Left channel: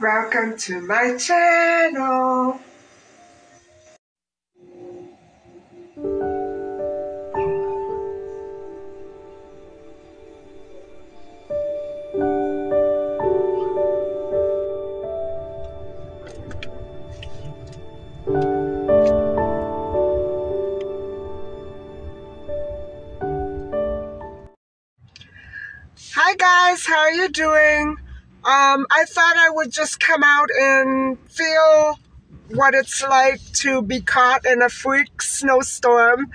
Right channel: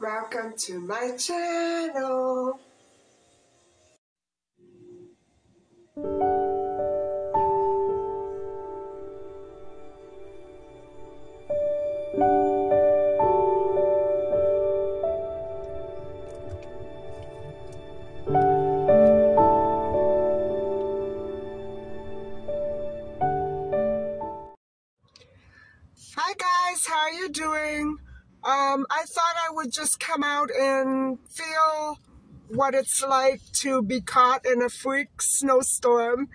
Welcome to my channel. Hi guys, how are you doing? I thought I would just come out and feel what it's like to be caught in a freak snowstorm.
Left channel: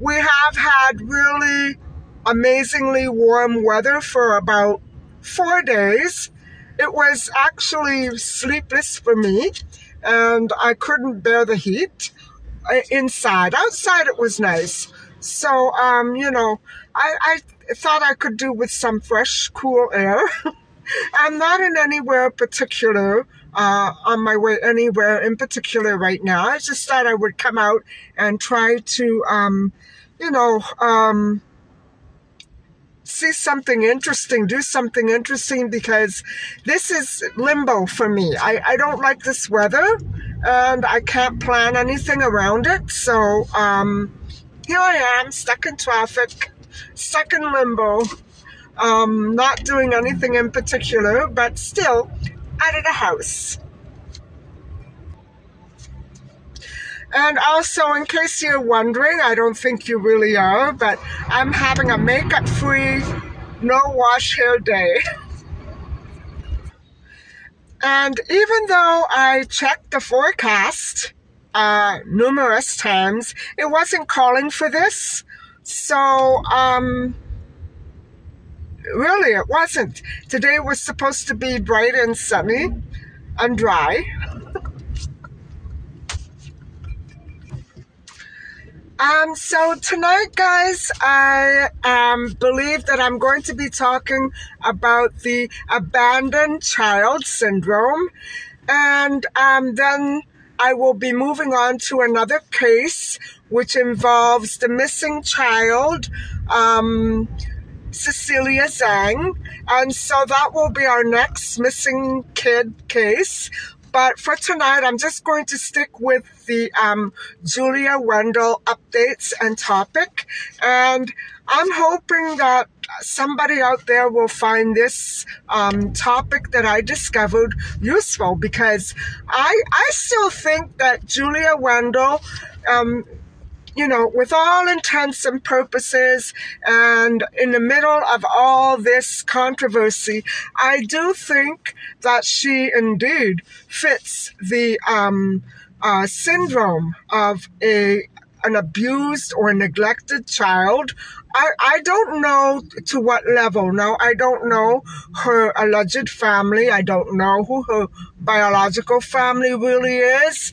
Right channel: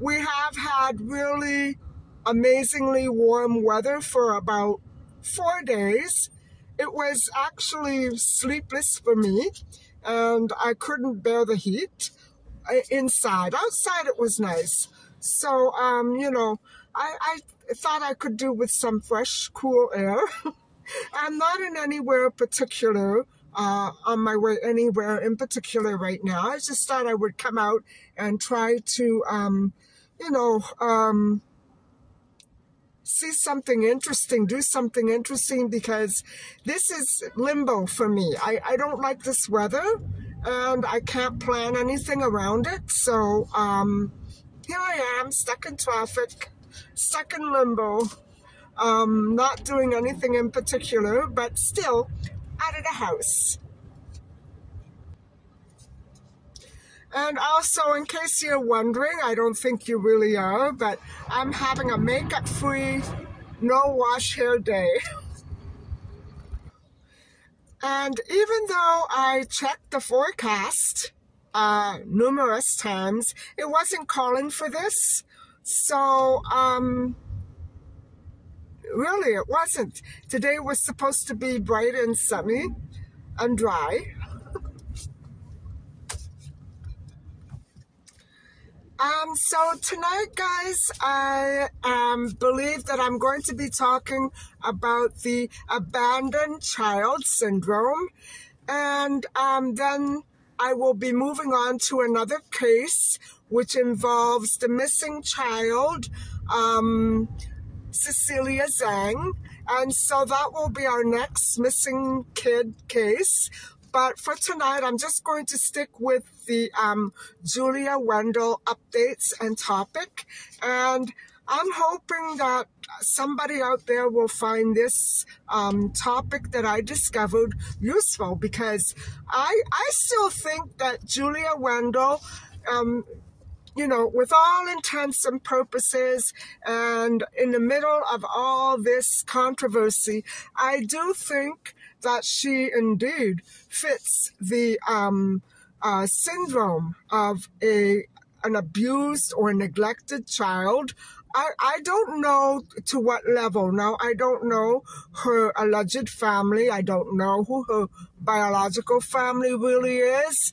We have had really amazingly warm weather for about 4 days. It was actually sleepless for me, and I couldn't bear the heat inside. Outside it was nice. So, you know, I thought I could do with some fresh, cool air. I'm not in anywhere particular, on my way anywhere in particular right now. I just thought I would come out and try to, you know, see something interesting, do something interesting, because this is limbo for me. I don't like this weather, and I can't plan anything around it. So, here I am, stuck in traffic, stuck in limbo, not doing anything in particular, but still out of the house. And also, in case you're wondering, I don't think you really are, but I'm having a makeup-free, no-wash hair day. And even though I checked the forecast numerous times, it wasn't calling for this. So, really, it wasn't. Today was supposed to be bright and sunny and dry. So tonight, guys, I believe that I'm going to be talking about the abandoned child syndrome, and then I will be moving on to another case, which involves the missing child, Cecilia Zhang, and so that will be our next missing kid case. But for tonight, I'm just going to stick with the Julia Wendell updates and topic. And I'm hoping that somebody out there will find this topic that I discovered useful, because I still think that Julia Wendell, you know, with all intents and purposes, and in the middle of all this controversy, I do think that she indeed fits the syndrome of an abused or neglected child. I don't know to what level. Now, I don't know her alleged family. I don't know who her biological family really is.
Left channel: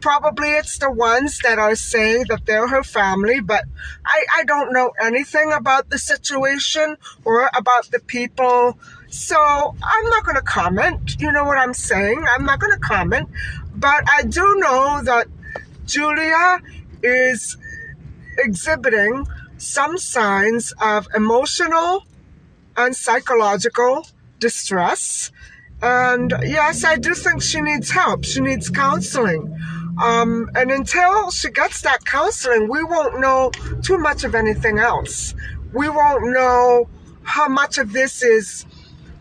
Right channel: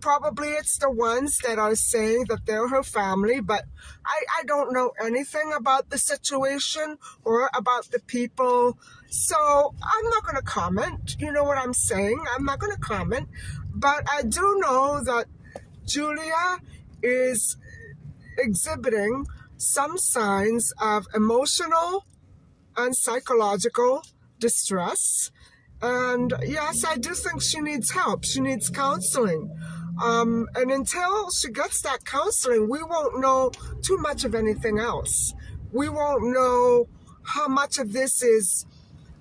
Probably it's the ones that are saying that they're her family, but I don't know anything about the situation or about the people. So I'm not going to comment. You know what I'm saying? I'm not going to comment. But I do know that Julia is exhibiting some signs of emotional and psychological distress. And yes, I do think she needs help. She needs counseling. And until she gets that counseling, we won't know too much of anything else. We won't know how much of this is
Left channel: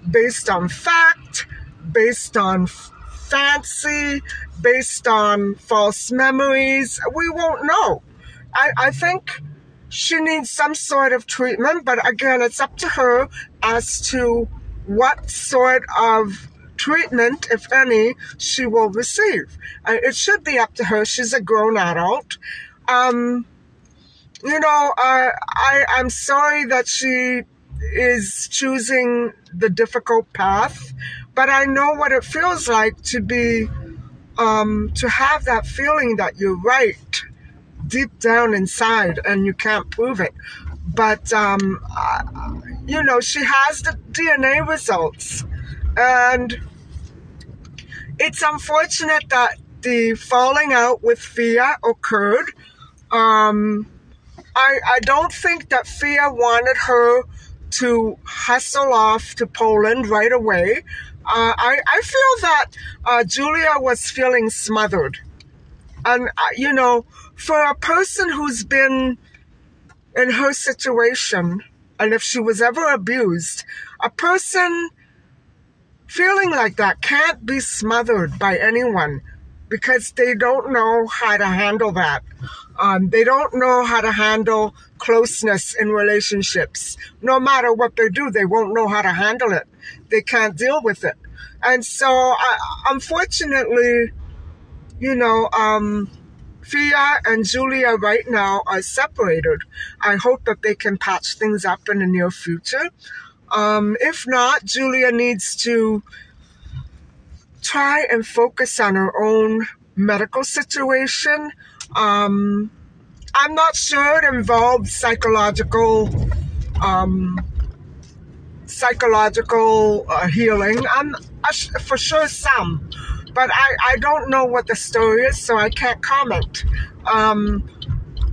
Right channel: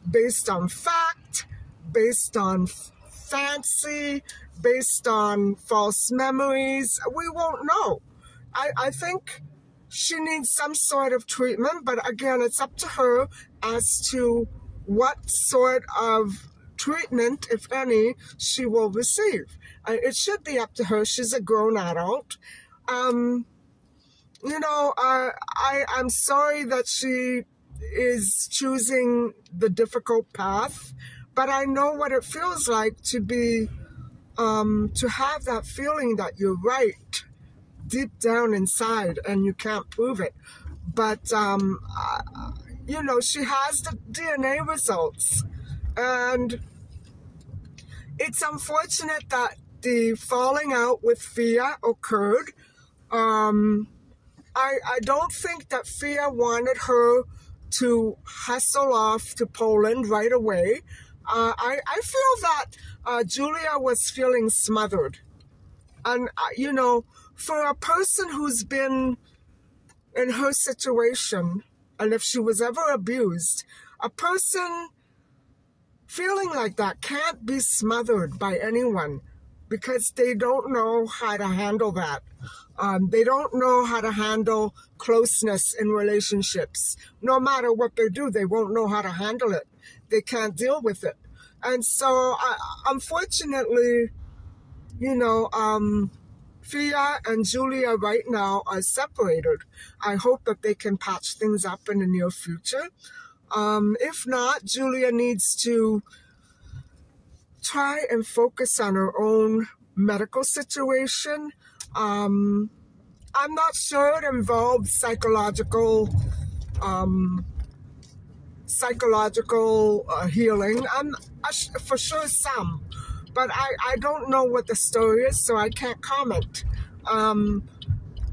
based on fact, based on fancy, based on false memories. We won't know. I think she needs some sort of treatment, but again, it's up to her as to what sort of treatment, if any, she will receive. It should be up to her. She's a grown adult. I'm sorry that she is choosing the difficult path, but I know what it feels like to be, to have that feeling that you're right deep down inside and you can't prove it. But, she has the DNA results, and it's unfortunate that the falling out with Fia occurred. I don't think that Fia wanted her to hustle off to Poland right away. I feel that Julia was feeling smothered. And, for a person who's been in her situation, and if she was ever abused, a person feeling like that can't be smothered by anyone because they don't know how to handle that. They don't know how to handle closeness in relationships. No matter what they do, they won't know how to handle it. They can't deal with it. And so, unfortunately, Fia and Julia right now are separated. I hope that they can patch things up in the near future. If not, Julia needs to try and focus on her own medical situation. I'm not sure it involved psychological healing. I'm for sure some, but I don't know what the story is, so I can't comment.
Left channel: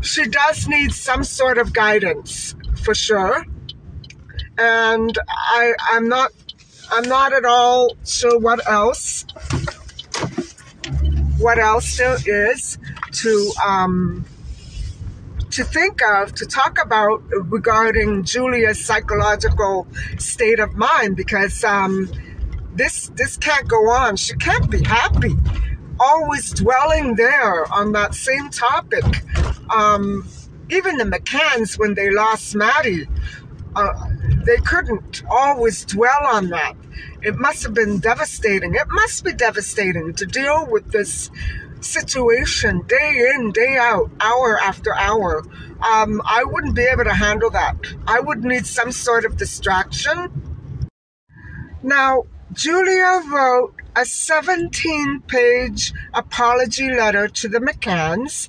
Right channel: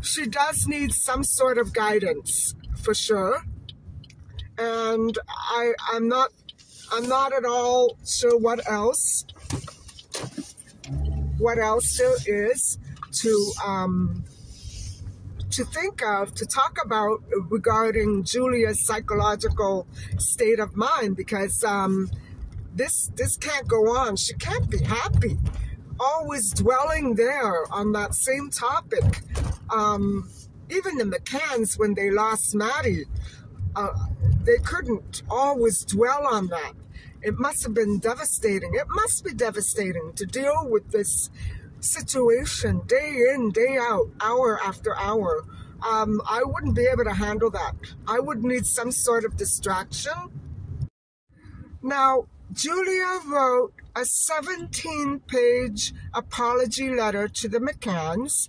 She does need some sort of guidance for sure, and I'm not at all sure what else there is to think of, to talk about regarding Julia's psychological state of mind, because this can't go on. She can't be happy, always dwelling there on that same topic. Even the McCanns, when they lost Maddie, they couldn't always dwell on that. It must have been devastating. It must be devastating to deal with this situation day in, day out, hour after hour. I wouldn't be able to handle that. I would need some sort of distraction. Now, Julia wrote a 17-page apology letter to the McCanns,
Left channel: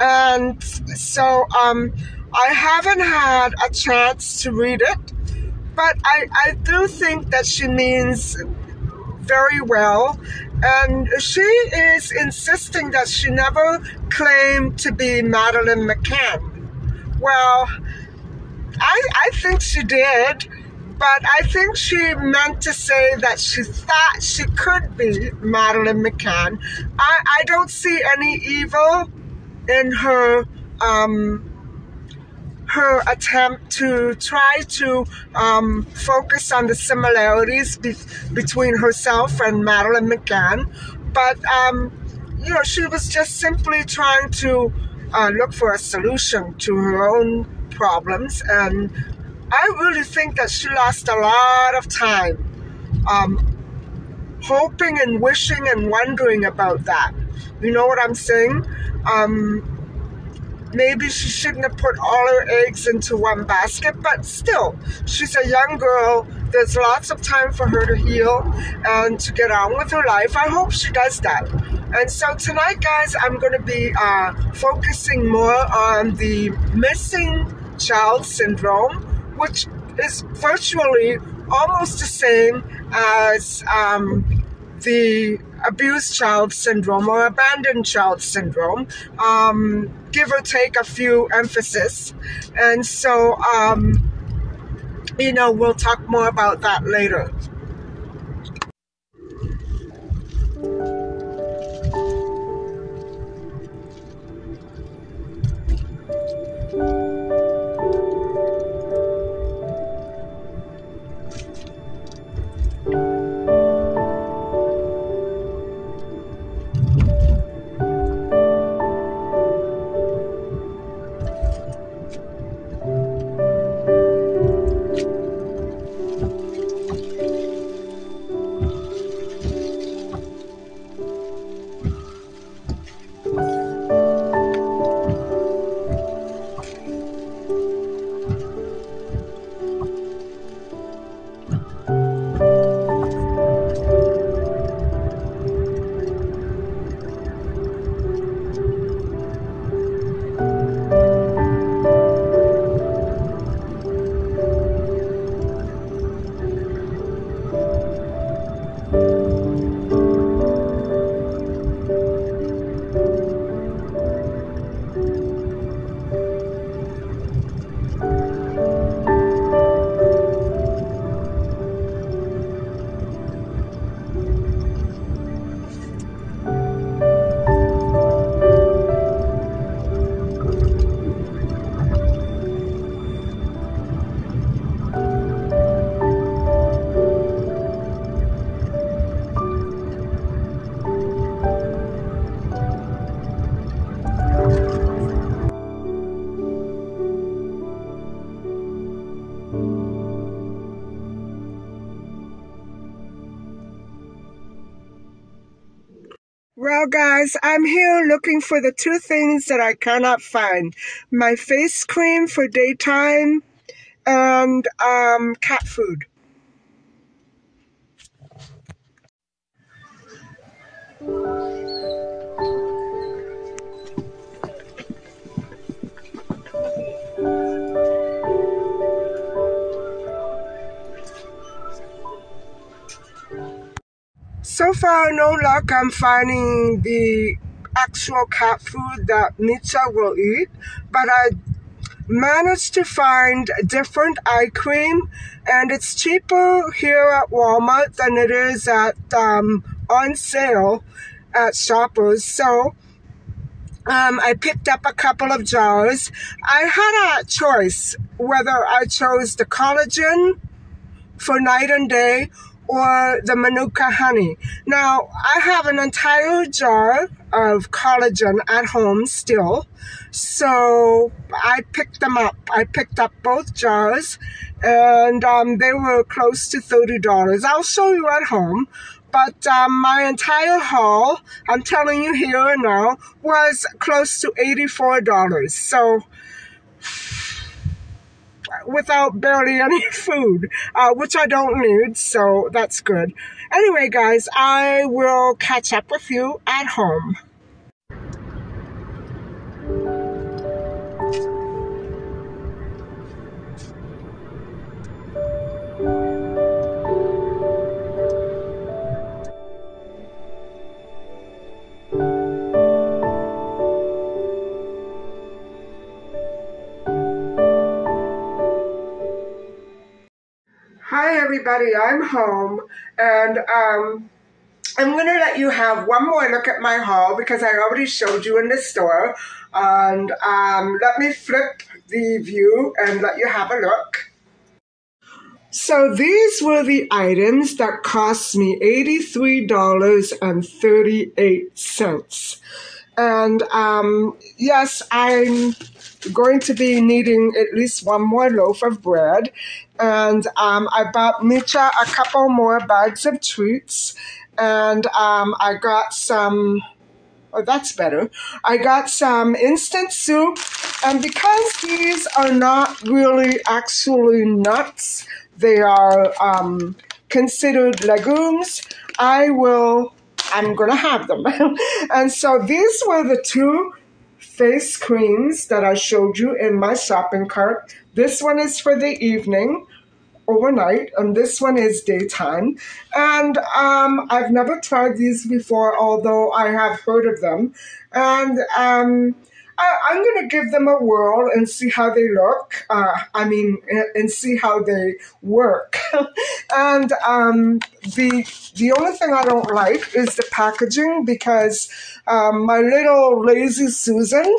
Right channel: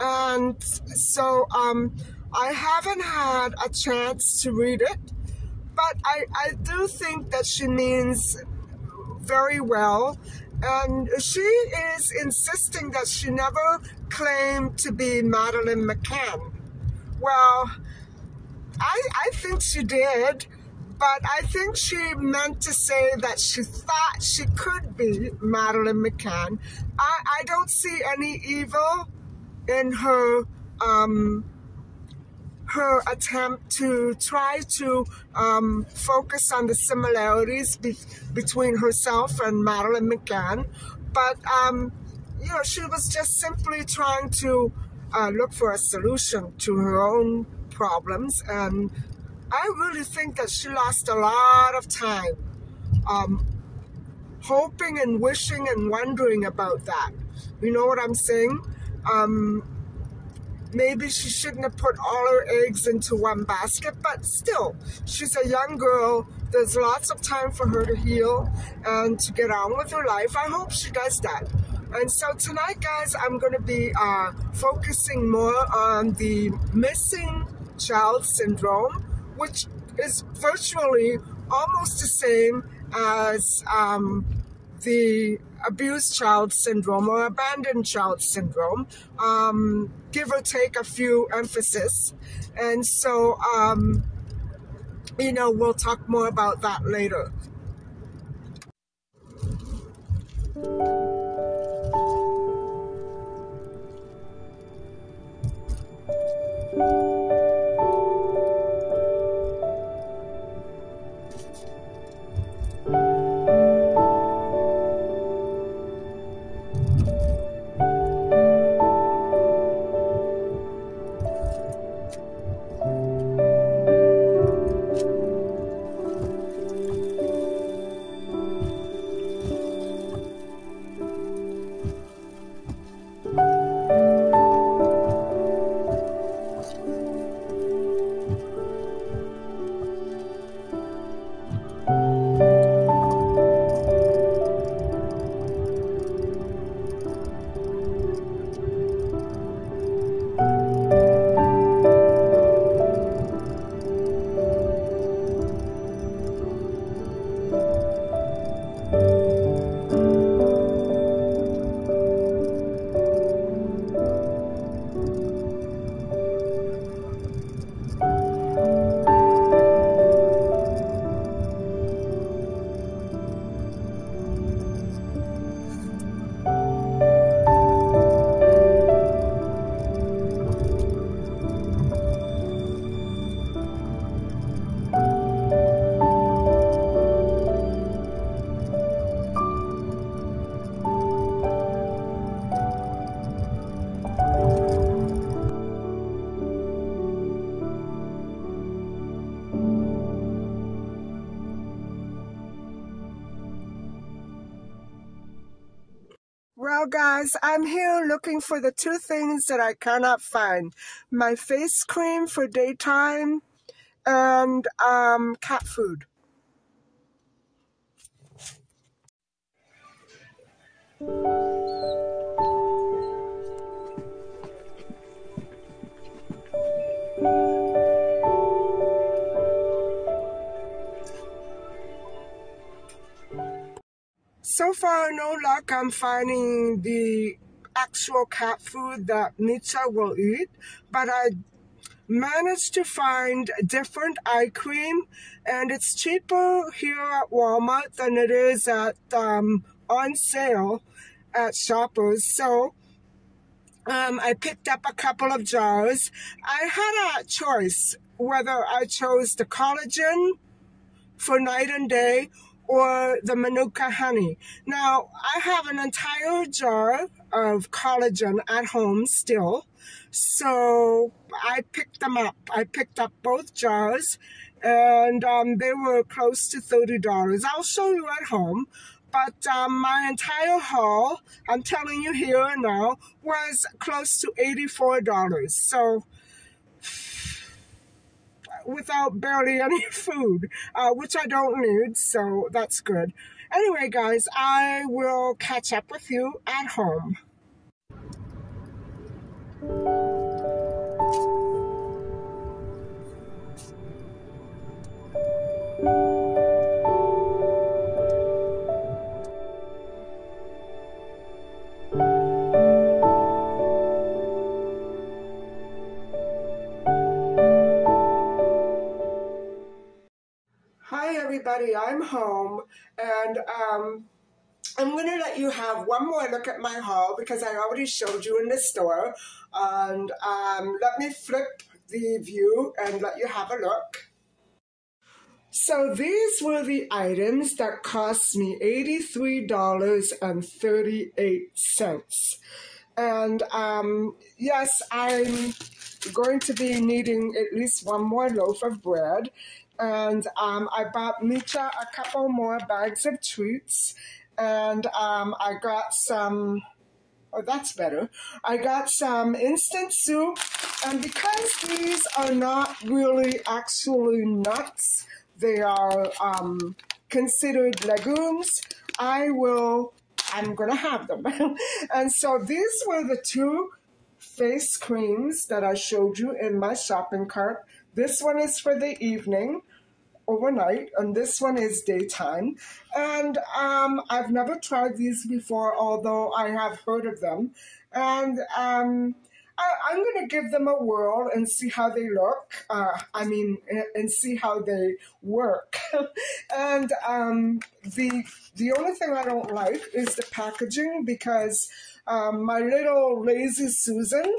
and so I haven't had a chance to read it, but I do think that she means very well, and she is insisting that she never claimed to be MaddieMcCann. Well, I think she did, but I think she meant to say that she thought she could be MaddieMcCann. I don't see any evil in her her attempt to try to focus on the similarities between herself and MaddieMcCann, but she was just simply trying to look for a solution to her own problems, and I really think that she lost a lot of time hoping and wishing and wondering about that. You know what I'm saying? Maybe she shouldn't have put all her eggs into one basket, but still, she's a young girl. There's lots of time for her to heal and to get on with her life. I hope she does that. And so tonight, guys, I'm going to be focusing more on the missing child syndrome, which is virtually almost the same as the abused child syndrome or abandoned child syndrome, give or take a few emphasis. And so, we'll talk more about that later. Well, guys, I'm here looking for the two things that I cannot find. My face cream for daytime and cat food. So far, no luck. I'm finding the actual cat food that Mitcha will eat, but I managed to find different eye cream, and it's cheaper here at Walmart than it is at on sale at Shoppers. So I picked up a couple of jars. I had a choice whether I chose the collagen for night and day or the Manuka honey. Now, I have an entire jar of collagen at home still, so I picked them up. I picked up both jars, and they were close to $30. I'll show you at home, but my entire haul, I'm telling you here and now, was close to $84. So, without barely any food, which I don't need, so that's good. Anyway, guys, I will catch up with you at home. Hi everybody, I'm home, and I'm going to let you have one more look at my haul because I already showed you in the store, and let me flip the view and let you have a look. So these were the items that cost me $83.38. And yes, I'm going to be needing at least one more loaf of bread. And I bought Mitcha a couple more bags of treats. And I got some, oh, that's better. I got some instant soup. And because these are not really actually nuts, they are considered legumes, I'm going to have them. And so these were the two face creams that I showed you in my shopping cart. This one is for the evening, overnight, and this one is daytime. And I've never tried these before, although I have heard of them. And I'm going to give them a whirl and see how they look. And see how they work. And the only thing I don't like is the packaging, because my little lazy Susan,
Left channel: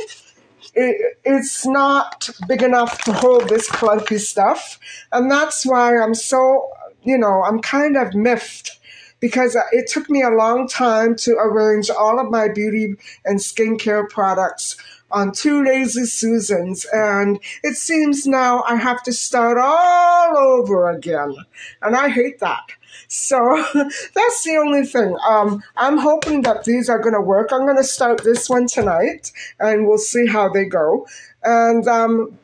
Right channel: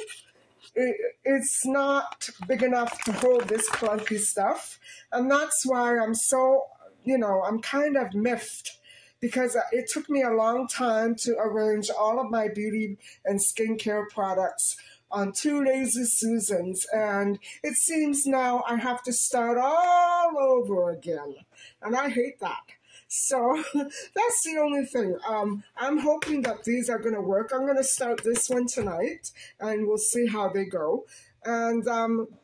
it's not big enough to hold this clunky stuff. And that's why I'm so, I'm kind of miffed, because it took me a long time to arrange all of my beauty and skincare products on 2 lazy Susans. And it seems now I have to start all over again. And I hate that. So that's the only thing. I'm hoping that these are going to work. I'm going to start this one tonight, and we'll see how they go. And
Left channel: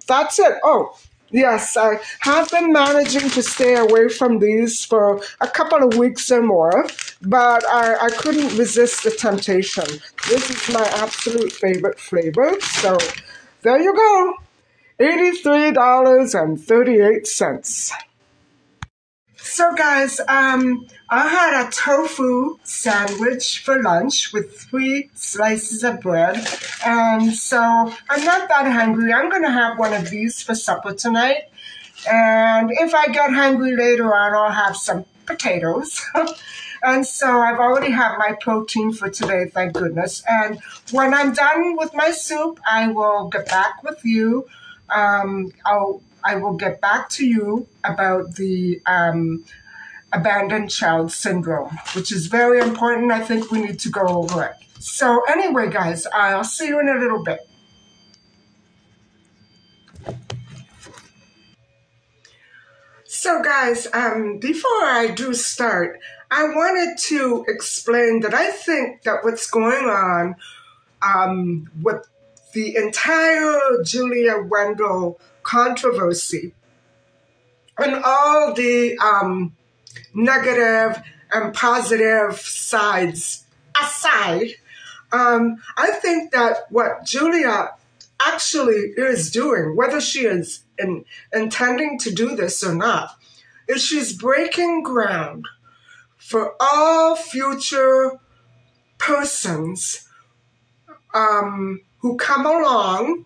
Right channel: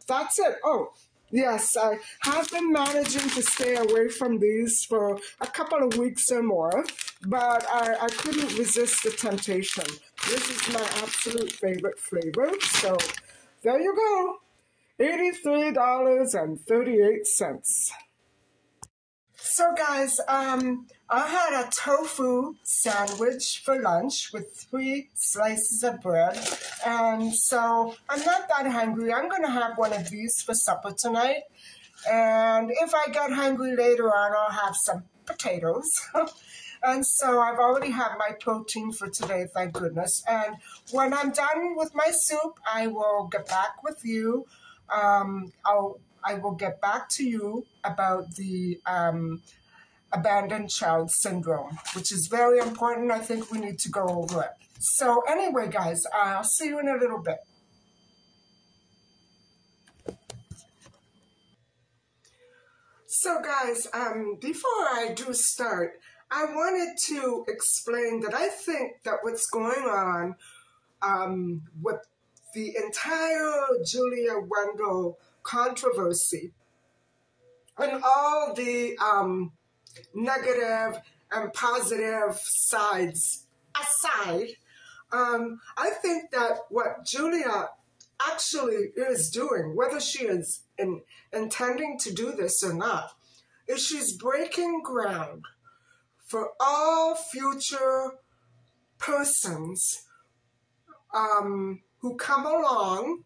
that's it. Oh, yes, I have been managing to stay away from these for a couple of weeks or more, but I couldn't resist the temptation. This is my absolute favorite flavor. So there you go, $83.38. So guys, I had a tofu sandwich for lunch with 3 slices of bread. And so I'm not that hungry. I'm going to have one of these for supper tonight. And if I get hungry later on, I'll have some potatoes. And so I've already had my protein for today, thank goodness. And when I'm done with my soup, I will get back with you. I will get back to you about the abandoned child syndrome, which is very important. I think we need to go over it. So anyway, guys, I'll see you in a little bit. So guys, before I do start, I wanted to explain that I think that what's going on with the entire Julia Wendell controversy and all the negative and positive sides aside, I think that what Julia actually is doing, whether she is intending to do this or not, is she's breaking ground for all future persons who come along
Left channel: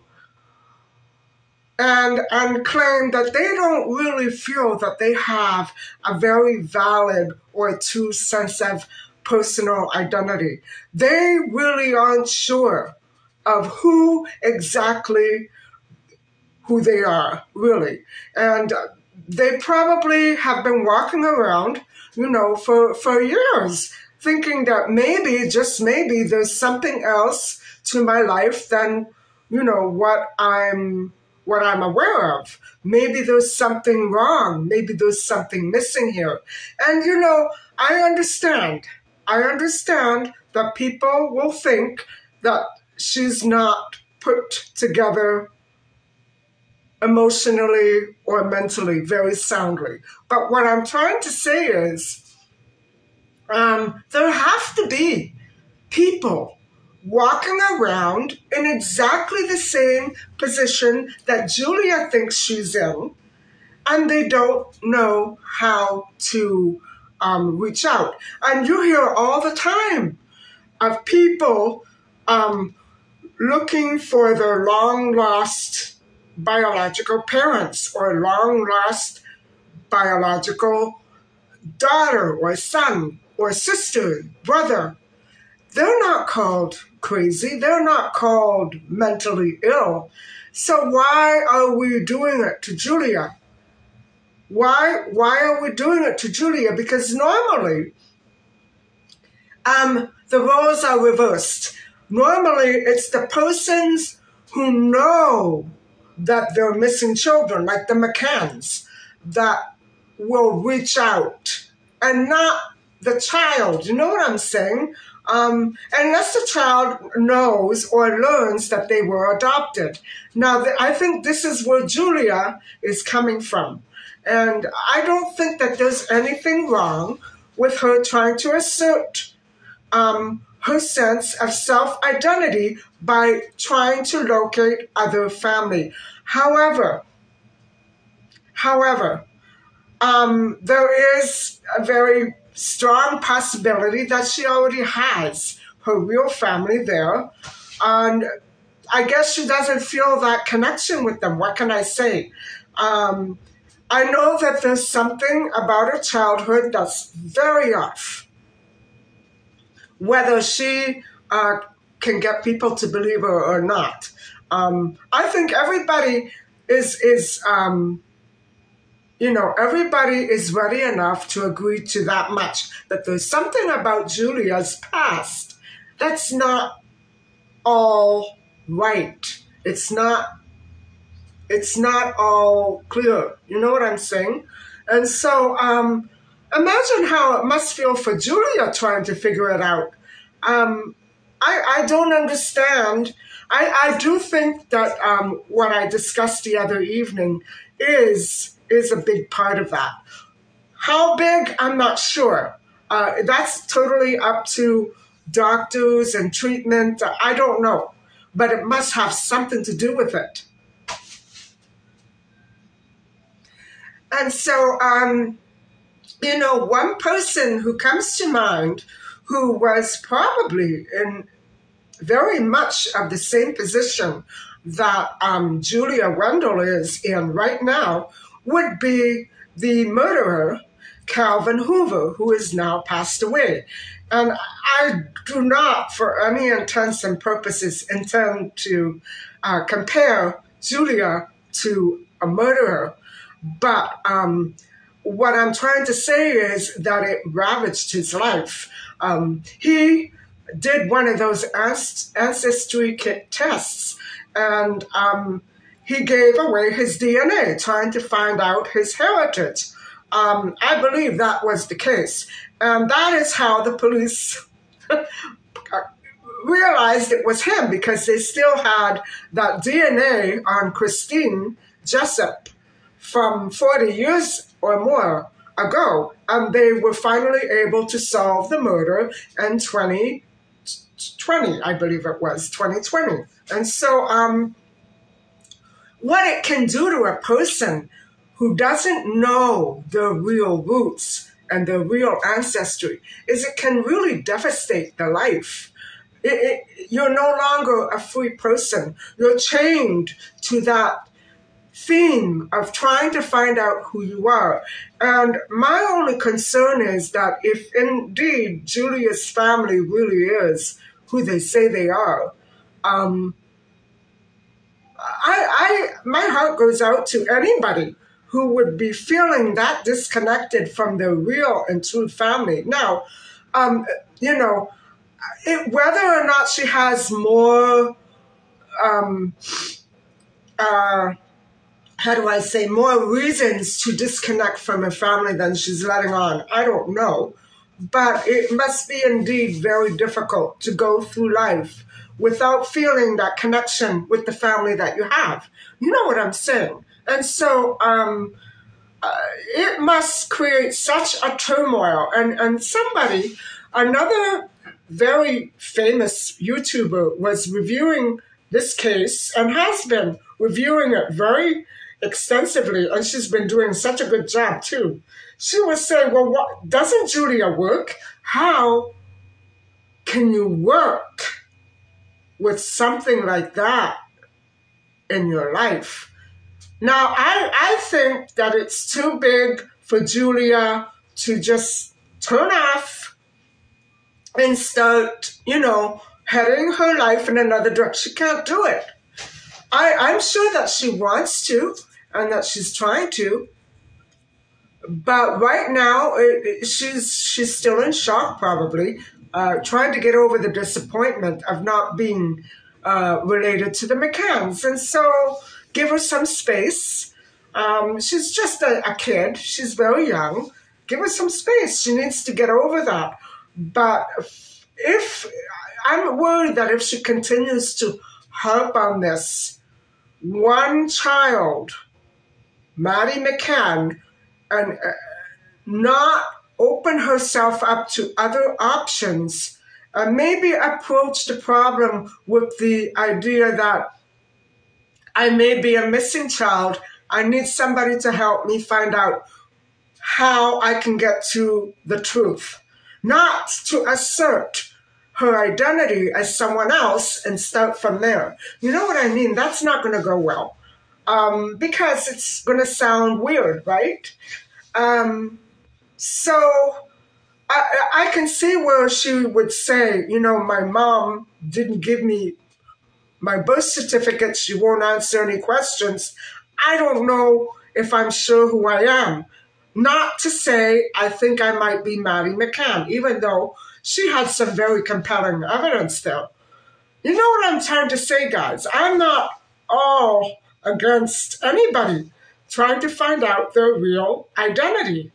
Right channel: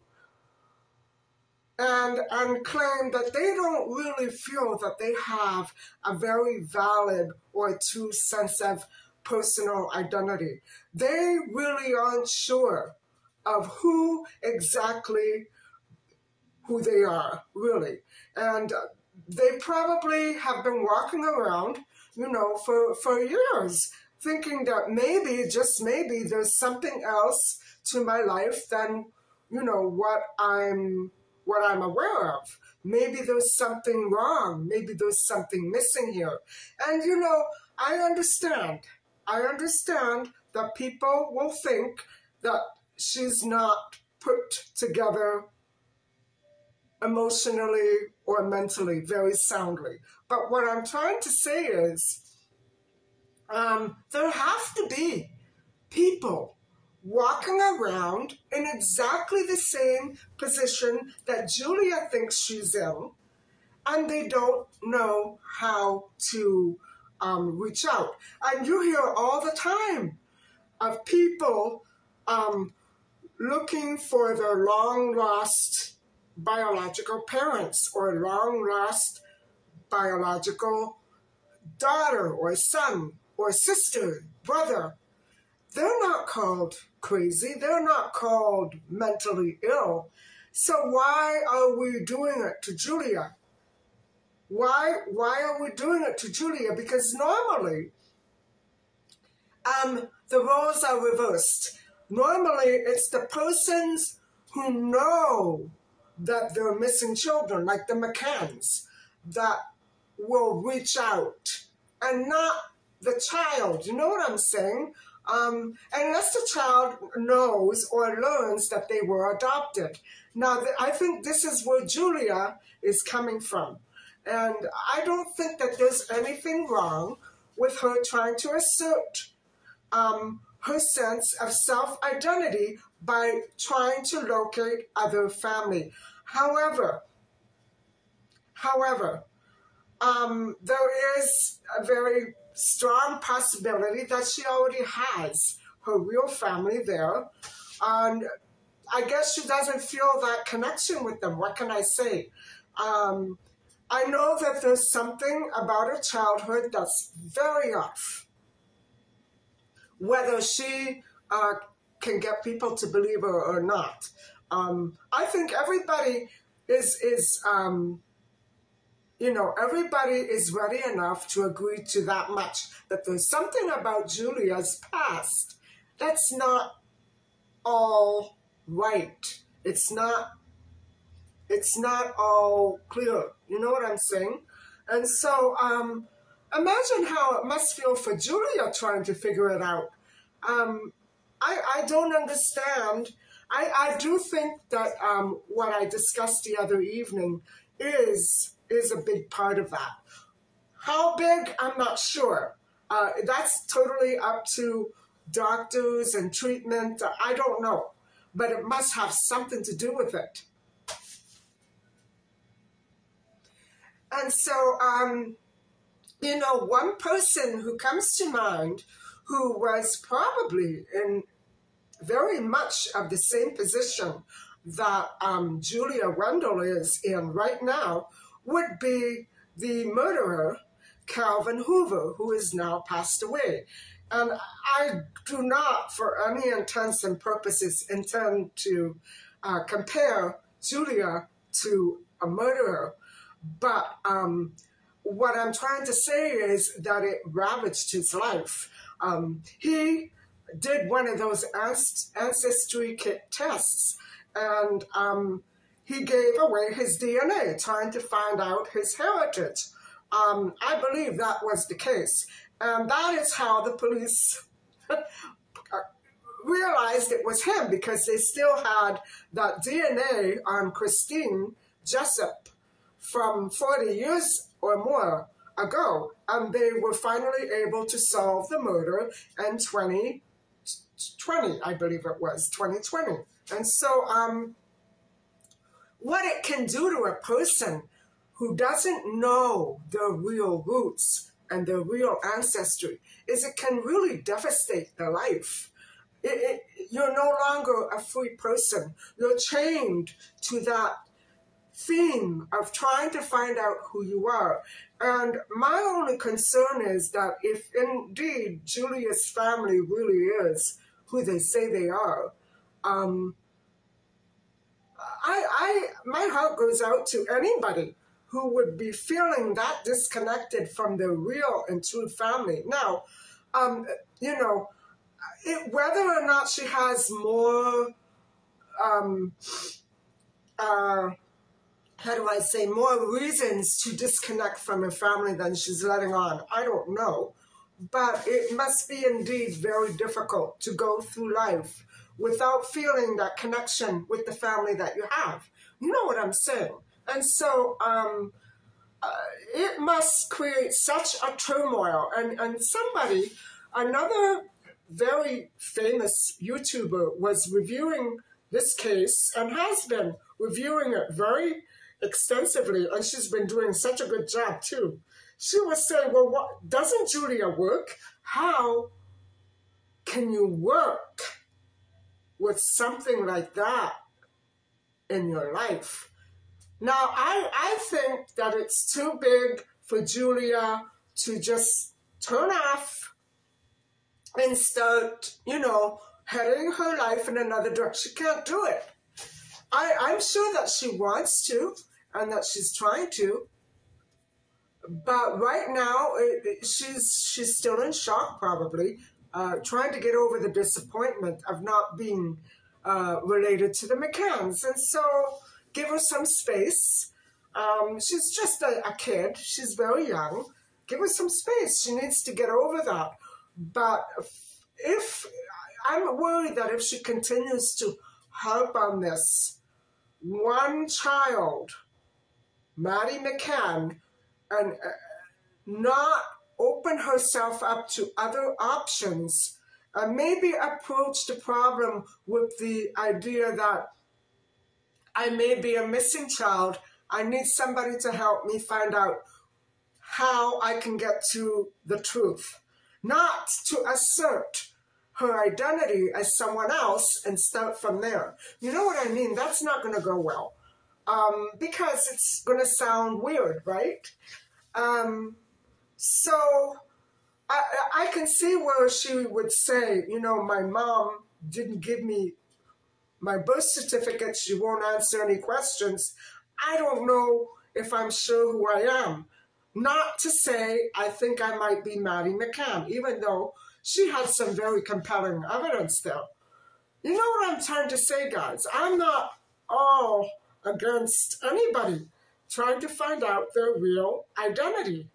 and claim that they don't really feel that they have a very valid or true sense of personal identity. They really aren't sure of who they are, really. And they probably have been walking around, for years, thinking that maybe, just maybe, there's something else to my life than, what I'm aware of. Maybe there's something wrong. Maybe there's something missing here. And, I understand. I understand that people will think that she's not put together emotionally or mentally very soundly. But what I'm trying to say is there have to be people walking around in exactly the same position that Julia thinks she's in, and they don't know how to reach out. And you hear all the time of people looking for their long-lost biological parents or long-lost biological daughter or son or sister, brother. They're not called crazy. They're not called mentally ill. So why are we doing it to Julia? Why are we doing it to Julia? Because normally, the roles are reversed. Normally, it's the persons who know that they're missing children, like the McCanns, that will reach out, and not the child. You know what I'm saying? Unless the child knows or learns that they were adopted. Now, I think this is where Julia is coming from. And I don't think that there's anything wrong with her trying to assert her sense of self-identity by trying to locate other family. However, there is a very strong possibility that she already has her real family there, and I guess she doesn't feel that connection with them. What can I say? I know that there's something about her childhood that's very off. Whether she can get people to believe her or not. I think everybody is everybody is ready enough to agree to that much, that there's something about Julia's past that's not all right. It's not all clear. You know what I'm saying? And so imagine how it must feel for Julia trying to figure it out. I don't understand. I do think that what I discussed the other evening is a big part of that. How big, I'm not sure. That's totally up to doctors and treatment. I don't know. But it must have something to do with it. And so, one person who comes to mind who was probably in very much of the same position that Julia Wendell is in right now would be the murderer, Calvin Hoover, who is now passed away. And I do not, for any intents and purposes, intend to compare Julia to a murderer. But what I'm trying to say is that it ravaged his life. He did one of those ancestry kit tests, and he gave away his DNA, trying to find out his heritage. I believe that was the case. And that is how the police realized it was him, because they still had that DNA on Christine Jessup from 40 years or more ago. And they were finally able to solve the murder in 2020, I believe it was, 2020. And so what it can do to a person who doesn't know their real roots and their real ancestry is it can really devastate their life. You're no longer a free person. You're chained to that theme of trying to find out who you are. And my only concern is that if indeed Julia's family really is who they say they are, my heart goes out to anybody who would be feeling that disconnected from their real and true family. Now, whether or not she has more, more reasons to disconnect from her family than she's letting on, I don't know. But it must be indeed very difficult to go through life without feeling that connection with the family that you have. You know what I'm saying? And so it must create such a turmoil. And another very famous YouTuber was reviewing this case and has been reviewing it very extensively. And she's been doing such a good job too. She was saying, well, what, doesn't Julia work? How can you work with something like that in your life? Now, I think that it's too big for Julia to just turn off and start, heading her life in another direction. She can't do it. I'm sure that she wants to and that she's trying to. But right now, she's still in shock, probably, trying to get over the disappointment of not being related to the McCanns. And so give her some space. She's just a kid. She's very young. Give her some space. She needs to get over that. But I'm worried that if she continues to harp on this, one child, MaddieMcCann, and not open herself up to other options, maybe approach the problem with the idea that I may be a missing child. I need somebody to help me find out how I can get to the truth. Not to assert her identity as someone else and start from there. You know what I mean? That's not going to go well, because it's going to sound weird, right? So I can see where she would say, you know, my mom didn't give me my birth certificate. She won't answer any questions. I don't know if I'm sure who I am. Not to say I think I might be MaddieMcCann, even though she had some very compelling evidence there. You know what I'm trying to say, guys? I'm not all against anybody trying to find out their real identity.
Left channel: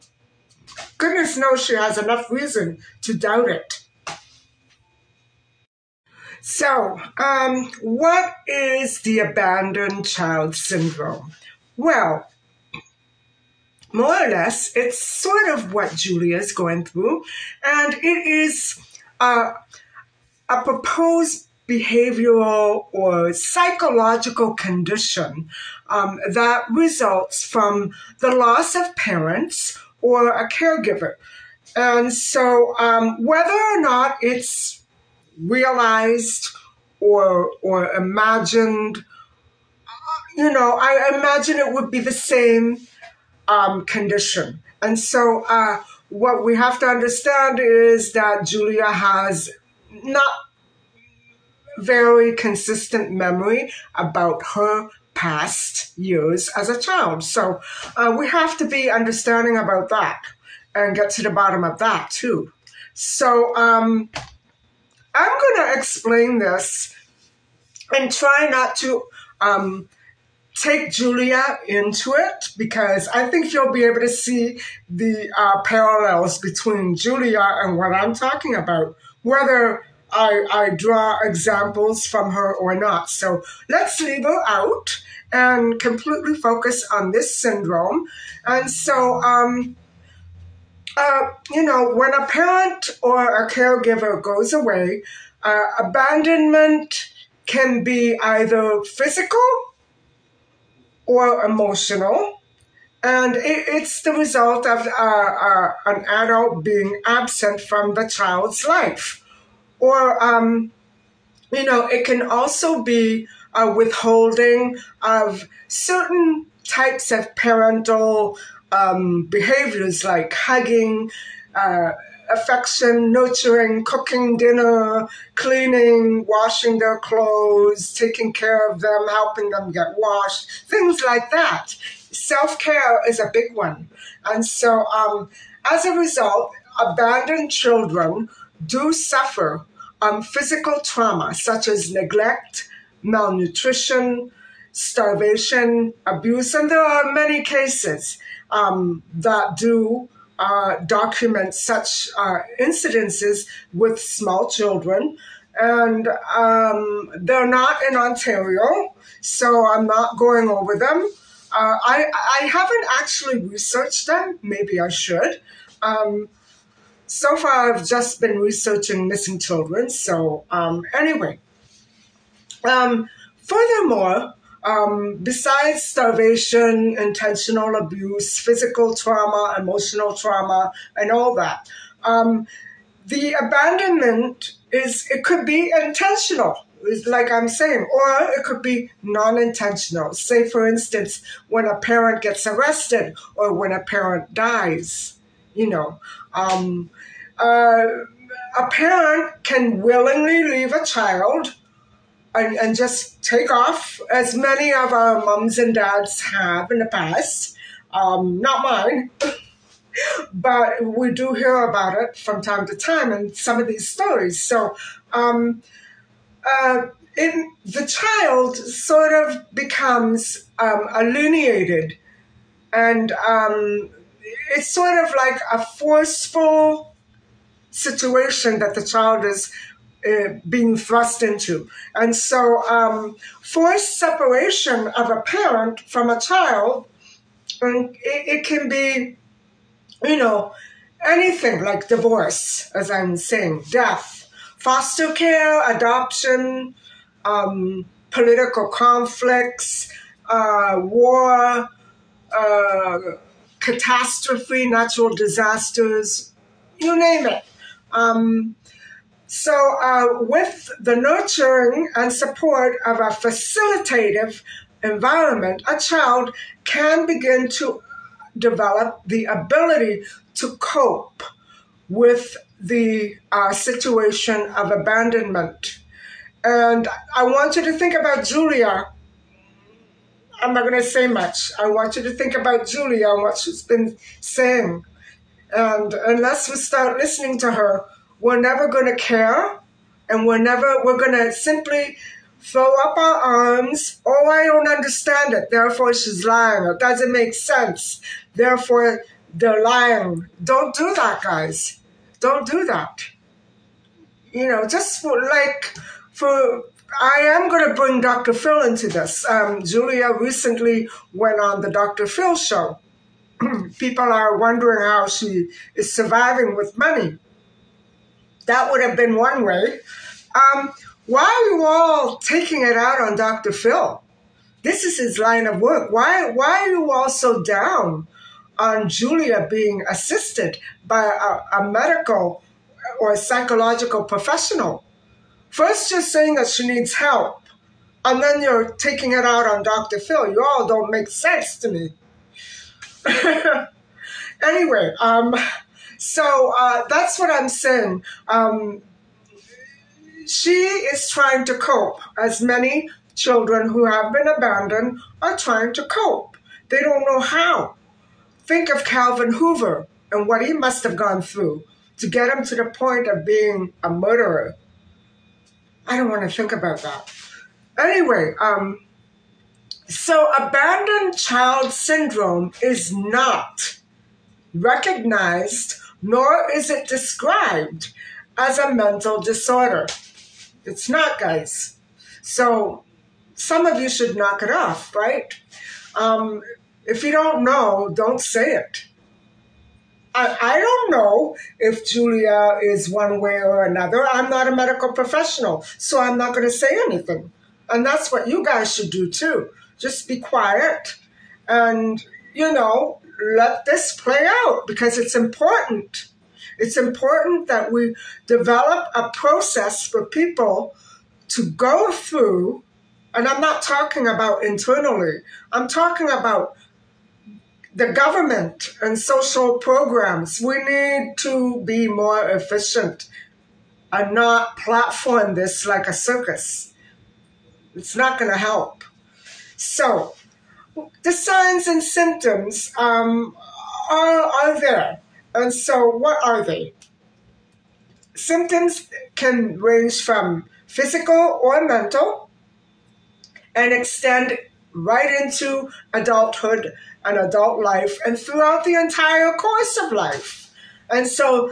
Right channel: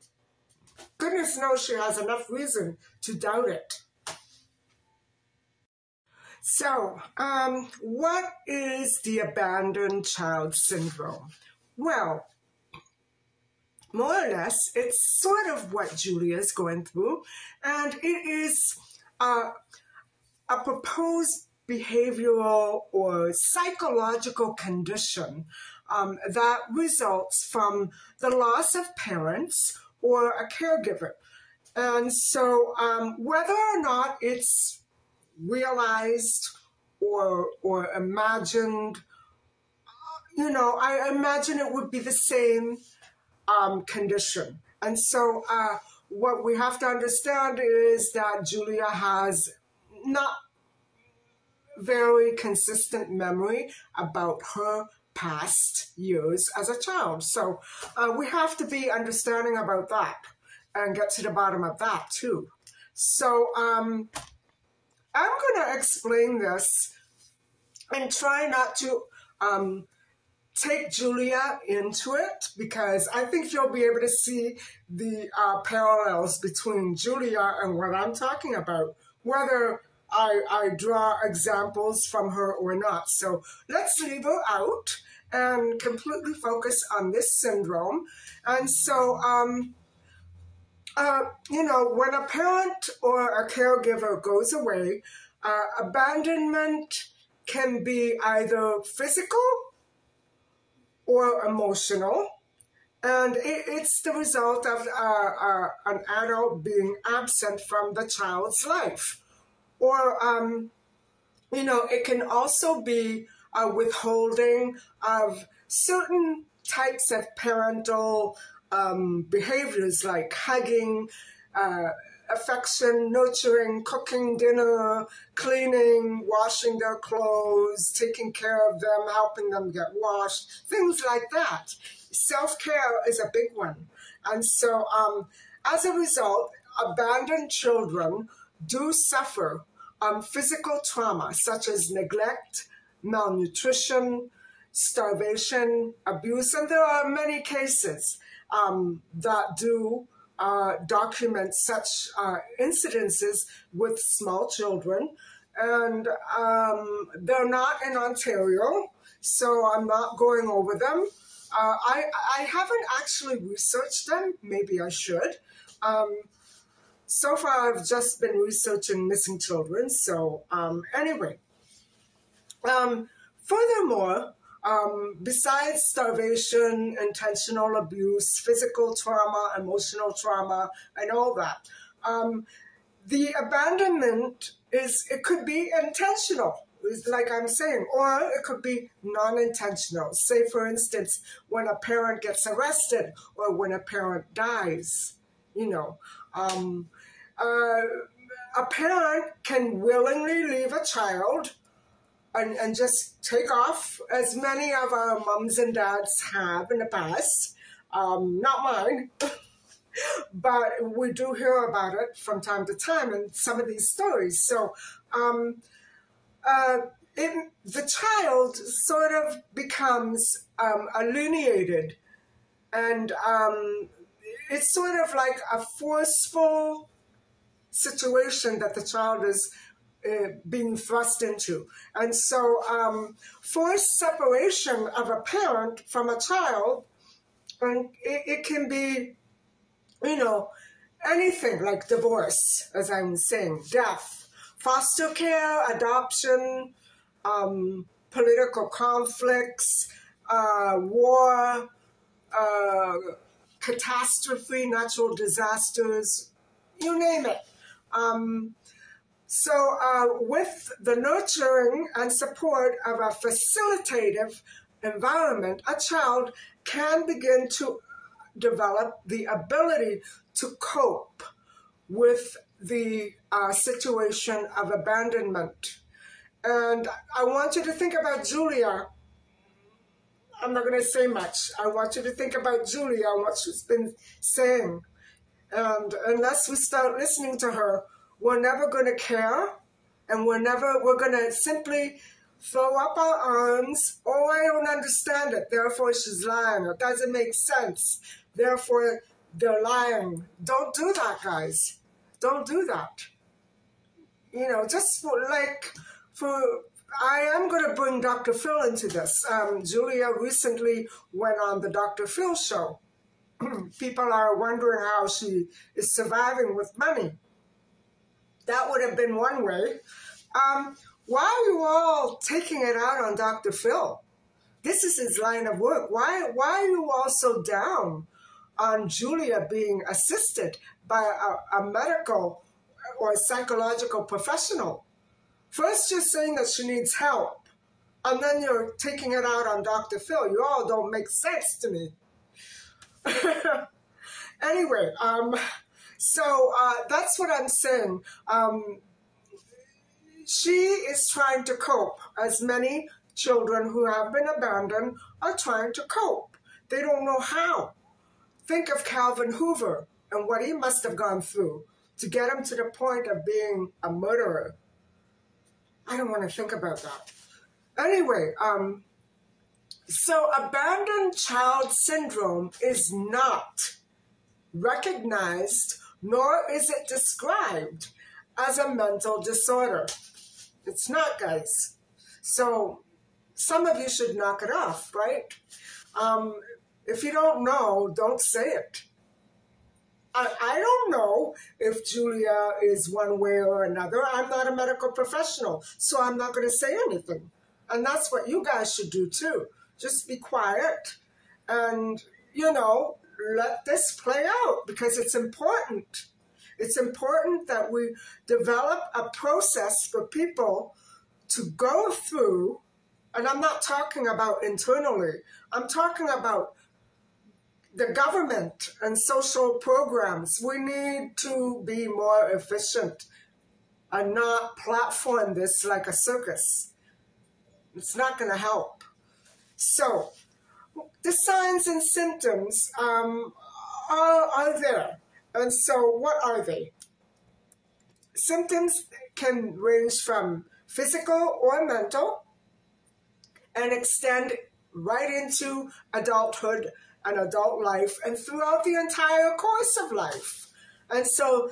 Goodness knows she has enough reason to doubt it. So, what is the abandoned child syndrome? Well, more or less, it's sort of what Julia is going through, and it is a proposed behavioral or psychological condition that results from the loss of parents or a caregiver. And so whether or not it's realized or imagined, you know, I imagine it would be the same condition. And so what we have to understand is that Julia has not very consistent memory about her past years as a child. So we have to be understanding about that and get to the bottom of that too. So I'm going to explain this and try not to take Julia into it, because I think you'll be able to see the parallels between Julia and what I'm talking about, whether I draw examples from her or not. So let's leave her out and completely focus on this syndrome. And so, you know, when a parent or a caregiver goes away, abandonment can be either physical or emotional, and it's the result of an adult being absent from the child's life. Or, you know, it can also be a withholding of certain types of parental behaviors like hugging, affection, nurturing, cooking dinner, cleaning, washing their clothes, taking care of them, helping them get washed, things like that. Self-care is a big one. And so as a result, abandoned children do suffer physical trauma such as neglect, malnutrition, starvation, abuse, and there are many cases that do document such incidences with small children. And they're not in Ontario, so I'm not going over them. I haven't actually researched them. Maybe I should. So far, I've just been researching missing children. So anyway, furthermore, besides starvation, intentional abuse, physical trauma, emotional trauma, and all that, the abandonment it could be intentional, like I'm saying, or it could be non-intentional. Say, for instance, when a parent gets arrested or when a parent dies, you know. A parent can willingly leave a child and just take off, as many of our moms and dads have in the past. Not mine, but we do hear about it from time to time in some of these stories. So the child sort of becomes alienated, and it's sort of like a forceful situation that the child is being thrust into. And so forced separation of a parent from a child, and it can be, you know, anything like divorce, as I'm saying, death, foster care, adoption, political conflicts, war, catastrophe, natural disasters, you name it. So with the nurturing and support of a facilitative environment, a child can begin to develop the ability to cope with the situation of abandonment. And I want you to think about Julia. I'm not going to say much. I want you to think about Julia and what she's been saying. And unless we start listening to her, we're never going to care. And we're going to simply throw up our arms. Oh, I don't understand it. Therefore, she's lying. It doesn't make sense. Therefore, they're lying. Don't do that, guys. Don't do that. You know, just I am going to bring Dr. Phil into this. Julia recently went on the Dr. Phil show. People are wondering how she is surviving with money. That would have been one way. Why are you all taking it out on Dr. Phil? This is his line of work. Why are you all so down on Julia being assisted by a medical or a psychological professional? First, you're saying that she needs help, and then you're taking it out on Dr. Phil. You all don't make sense to me. Anyway, so that's what I'm saying. She is trying to cope, as many children who have been abandoned are trying to cope. They don't know how. Think of Calvin Hoover and what he must have gone through to get him to the point of being a murderer. I don't want to think about that. Anyway, so abandoned child syndrome is not recognized, nor is it described as a mental disorder. It's not, guys. So some of you should knock it off, right? If you don't know, don't say it. I don't know if Julia is one way or another. I'm not a medical professional, so I'm not going to say anything. And that's what you guys should do too. Just be quiet and, you know, let this play out because it's important. It's important that we develop a process for people to go through, and I'm not talking about internally. I'm talking about the government and social programs. We need to be more efficient and not platform this like a circus. It's not going to help. So the signs and symptoms are there. And so what are they? Symptoms can range from physical or mental and extend right into adulthood and adult life and throughout the entire course of life. And so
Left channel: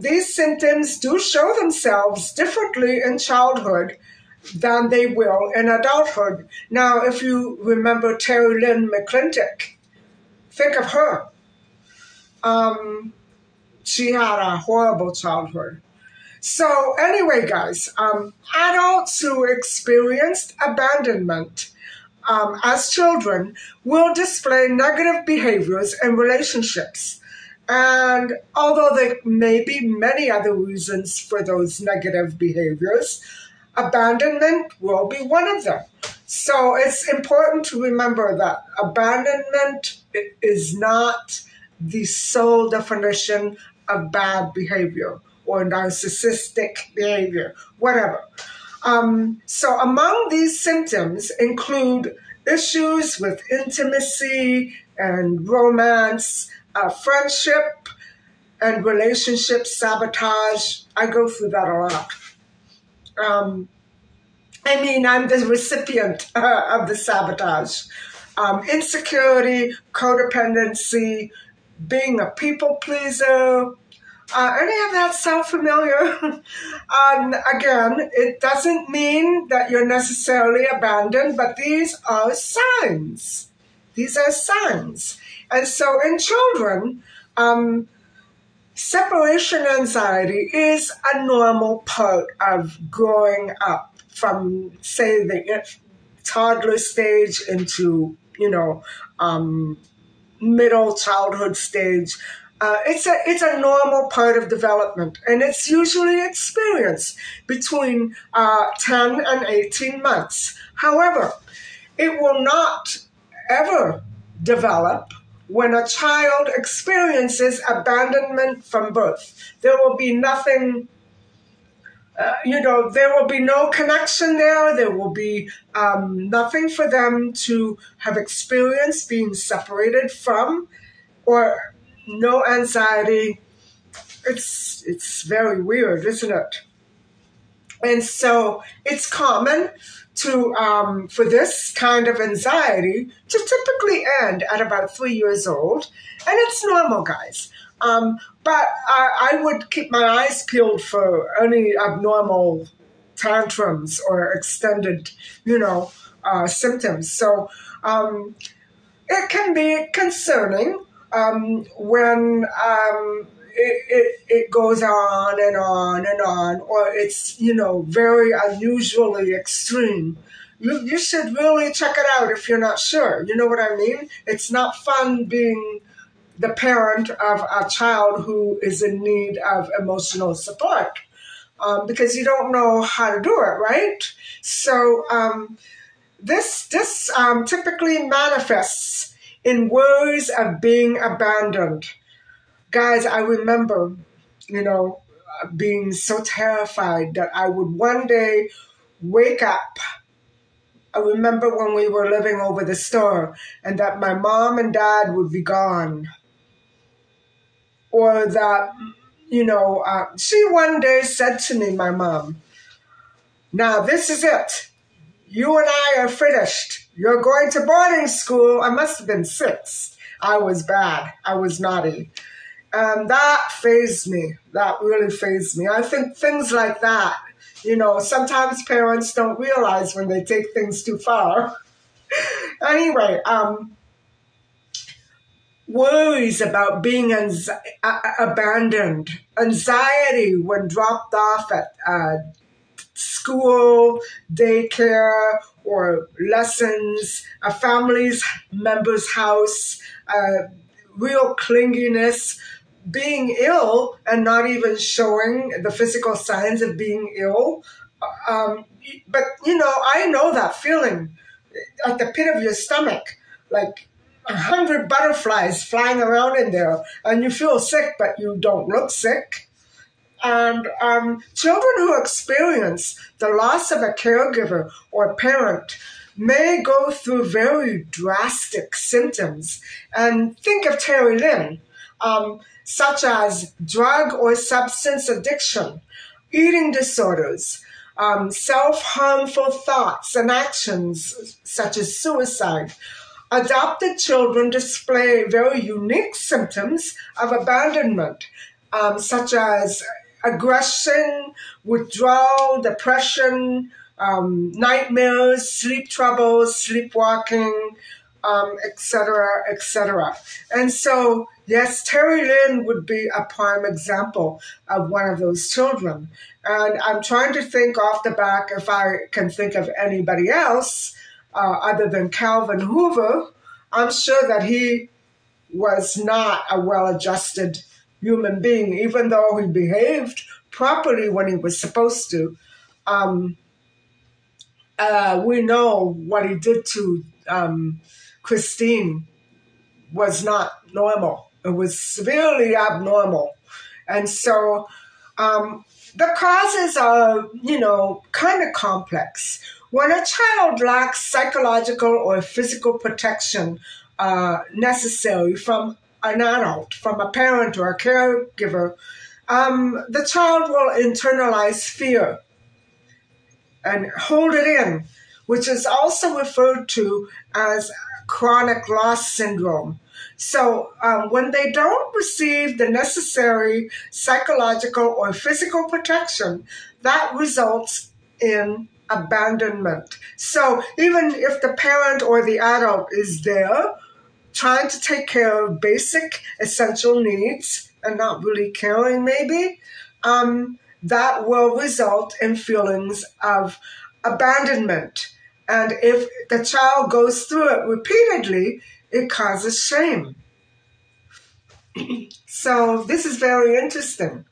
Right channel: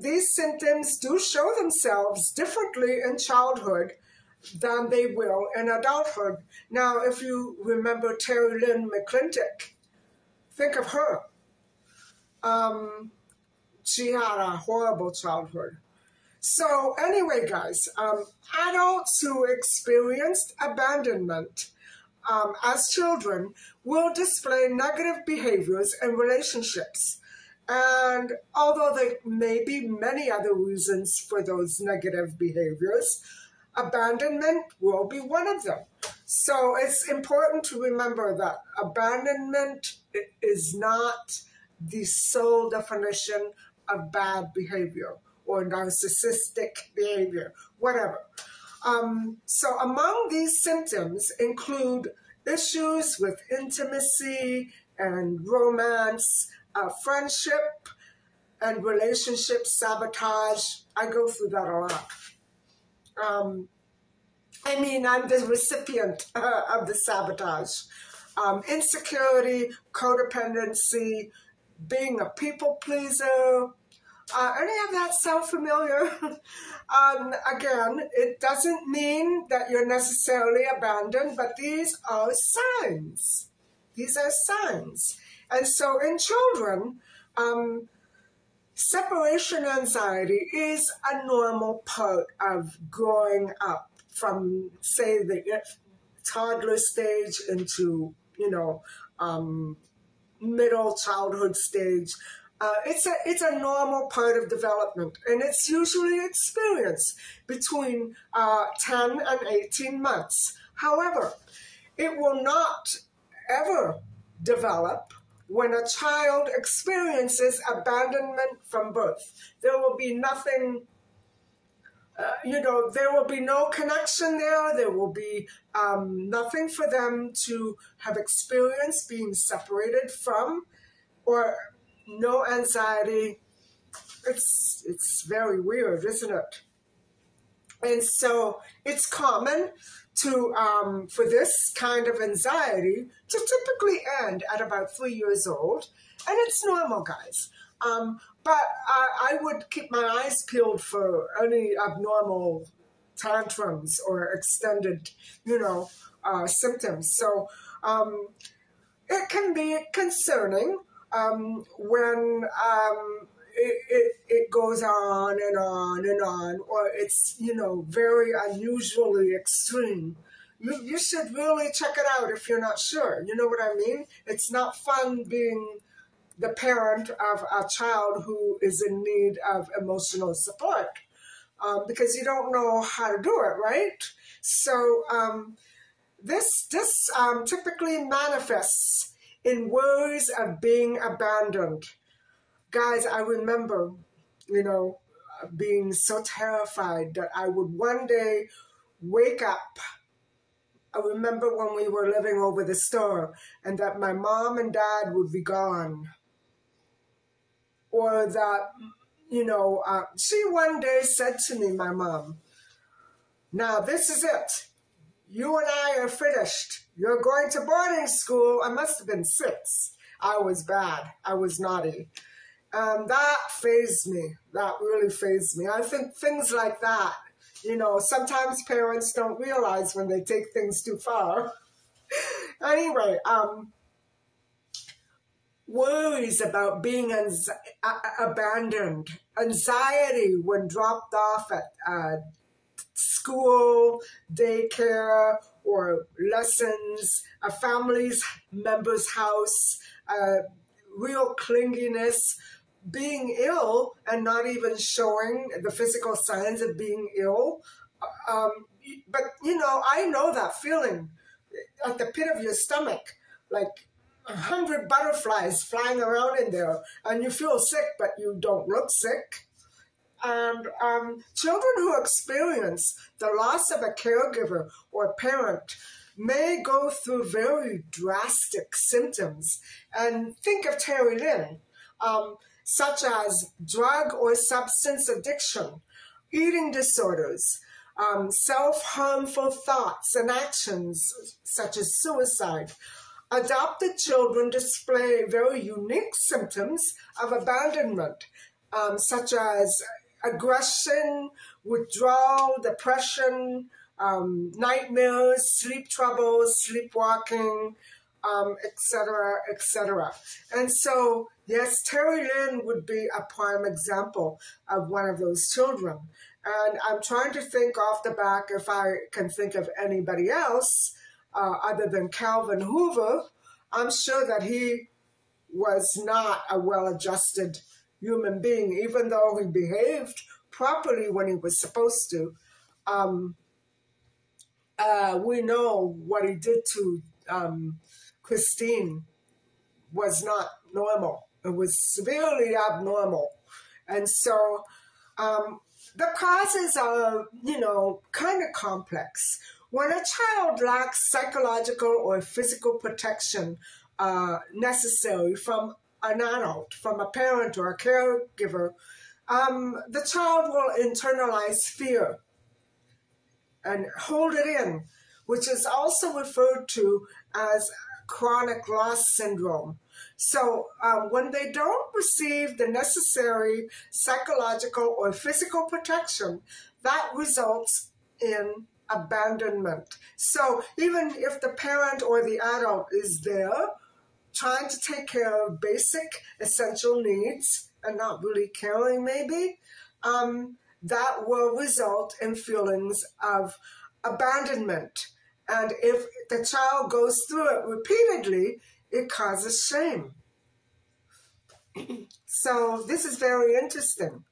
these symptoms do show themselves differently in childhood than they will in adulthood. Now, if you remember Terry Lynn McClintock, think of her. She had a horrible childhood. So anyway, guys, adults who experienced abandonment as children will display negative behaviors in relationships. And although there may be many other reasons for those negative behaviors, abandonment will be one of them. So it's important to remember that abandonment is not the sole definition of bad behavior or narcissistic behavior, whatever. So among these symptoms include issues with intimacy and romance, friendship and relationship sabotage. I go through that a lot. I mean, I'm the recipient of the sabotage. Insecurity, codependency, being a people pleaser. Any of that sound familiar? Again, it doesn't mean that you're necessarily abandoned, but these are signs. These are signs. And so in children, separation anxiety is a normal part of growing up from, say, the toddler stage into, middle childhood stage. It's a normal part of development, and it's usually experienced between 10 and 18 months. However, it will not ever develop when a child experiences abandonment from birth. There will be nothing, there will be no connection there. There will be nothing for them to have experienced being separated from, or no anxiety. It's very weird, isn't it? And so it's common to for this kind of anxiety to typically end at about 3 years old, and it's normal, guys. But I would keep my eyes peeled for any abnormal tantrums or extended, symptoms. So it can be concerning when it goes on and on and on, or it's, very unusually extreme. You should really check it out if you're not sure. You know what I mean? It's not fun being the parent of a child who is in need of emotional support because you don't know how to do it, right? So this typically manifests in worries of being abandoned. Guys, I remember, being so terrified that I would one day wake up. I remember when we were living over the store and that my mom and dad would be gone. Or that, she one day said to me, my mom, "Now this is it. You and I are finished. You're going to boarding school." I must have been 6. I was bad. I was naughty. And that fazed me. That really fazed me. I think things like that, sometimes parents don't realize when they take things too far. Anyway, worries about being abandoned, anxiety when dropped off at school, daycare, or lessons, a family member's house, real clinginess, being ill and not even showing the physical signs of being ill. But, I know that feeling at the pit of your stomach, like 100 butterflies flying around in there, and you feel sick, but you don't look sick. And children who experience the loss of a caregiver or parent may go through very drastic symptoms. And think of Terry Lynn, such as drug or substance addiction, eating disorders, self-harmful thoughts and actions such as suicide. Adopted children display very unique symptoms of abandonment, such as aggression, withdrawal, depression, nightmares, sleep troubles, sleepwalking, etc., etc. And so, yes, Terry Lynn would be a prime example of one of those children. And I'm trying to think off the back if I can think of anybody else other than Calvin Hoover. I'm sure that he was not a well-adjusted human being, even though he behaved properly when he was supposed to. We know what he did to Christine was not normal. It was severely abnormal. And so the causes are, kind of complex. When a child lacks psychological or physical protection necessary from an adult, from a parent or a caregiver, the child will internalize fear and hold it in, which is also referred to as chronic loss syndrome. So when they don't receive the necessary psychological or physical protection, that results in abandonment. So even if the parent or the adult is there trying to take care of basic essential needs and not really caring maybe, that will result in feelings of abandonment. And if the child goes through it repeatedly, it causes shame. So this is very interesting.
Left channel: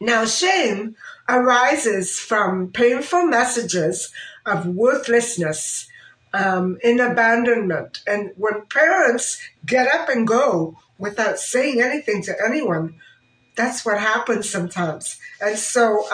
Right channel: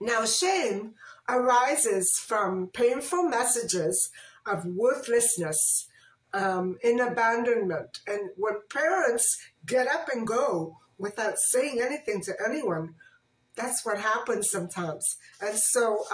Now, shame arises from painful messages of worthlessness, in abandonment. And when parents get up and go without saying anything to anyone, that's what happens sometimes. And so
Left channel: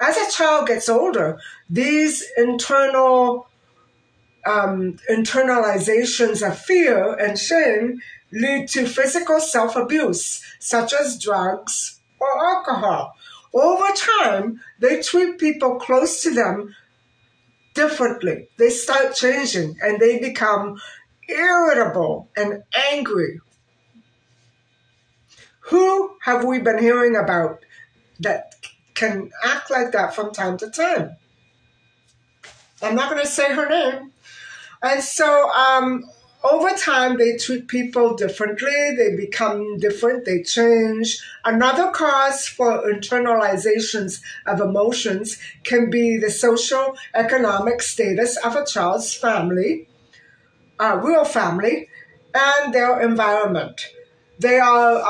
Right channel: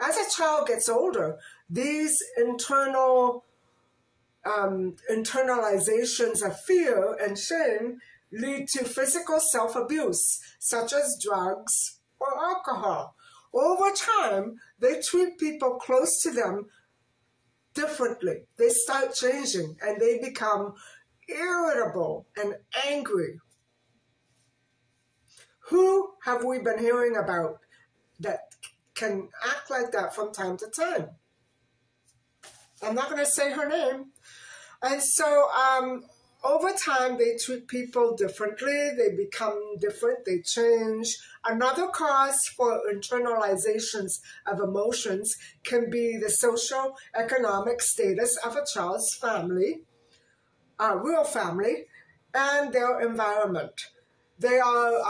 as a child gets older, these internalizations of fear and shame lead to physical self-abuse, such as drugs or alcohol. Over time, they treat people close to them differently. They start changing and they become irritable and angry. Who have we been hearing about that can act like that from time to time? I'm not going to say her name. And so over time, they treat people differently. They become different. They change. Another cause for internalizations of emotions can be the social economic status of a child's family, real family, and their environment. They are,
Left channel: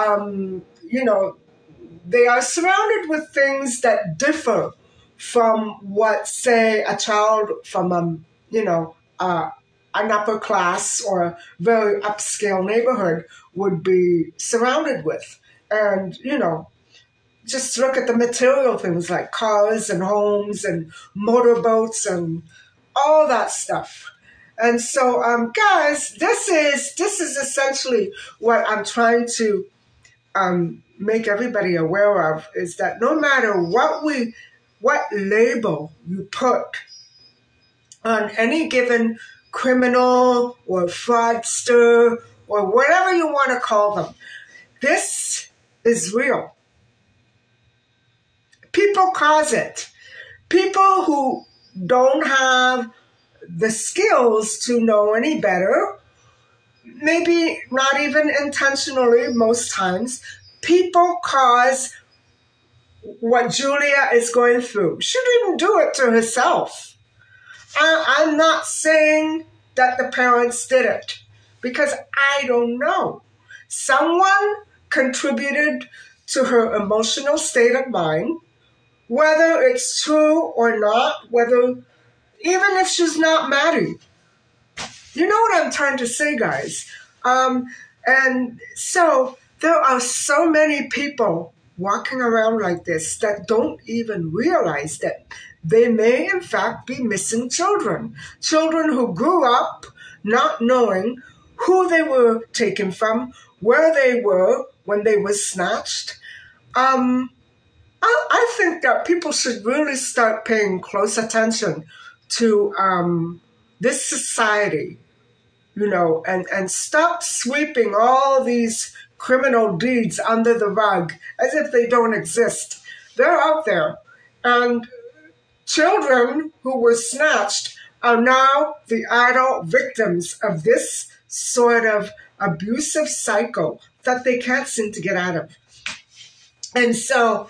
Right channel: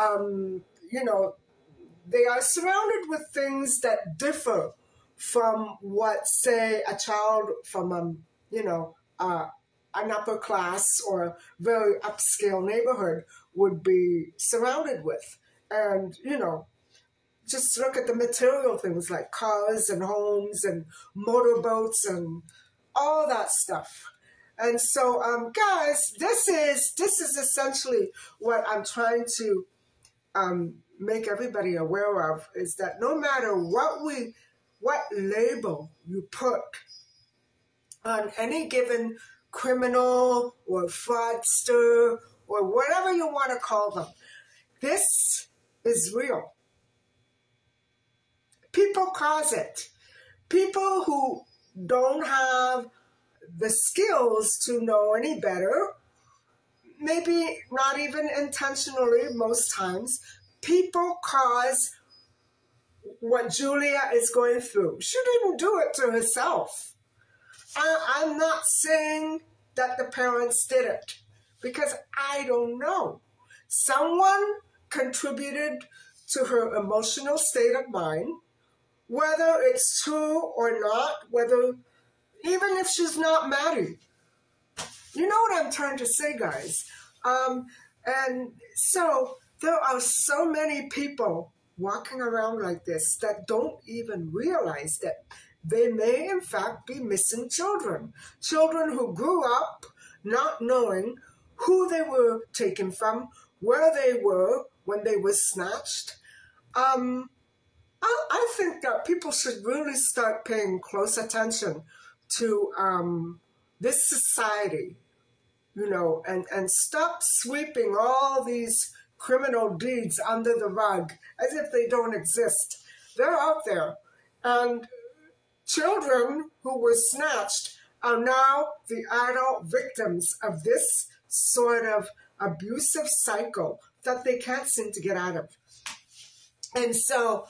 they are surrounded with things that differ from what, say, a child from an upper class or very upscale neighborhood would be surrounded with. And, just look at the material things like cars and homes and motorboats and all that stuff. And so, guys, this is essentially what I'm trying to make everybody aware of, is that no matter what label you put on any given criminal or fraudster or whatever you want to call them, this is real. People cause it. People who don't have the skills to know any better, maybe not even intentionally most times, people cause what Julia is going through. She didn't do it to herself. I'm not saying that the parents did it, because I don't know. Someone contributed to her emotional state of mind, whether it's true or not, even if she's not Maddie. You know what I'm trying to say, guys? And so there are so many people walking around like this that don't even realize that they may, in fact, be missing children. Children who grew up not knowing who they were taken from, where they were when they were snatched. I think that people should really start paying close attention to this society, and stop sweeping all these criminal deeds under the rug as if they don't exist. They're out there. And children who were snatched are now the adult victims of this sort of abusive cycle that they can't seem to get out of. And so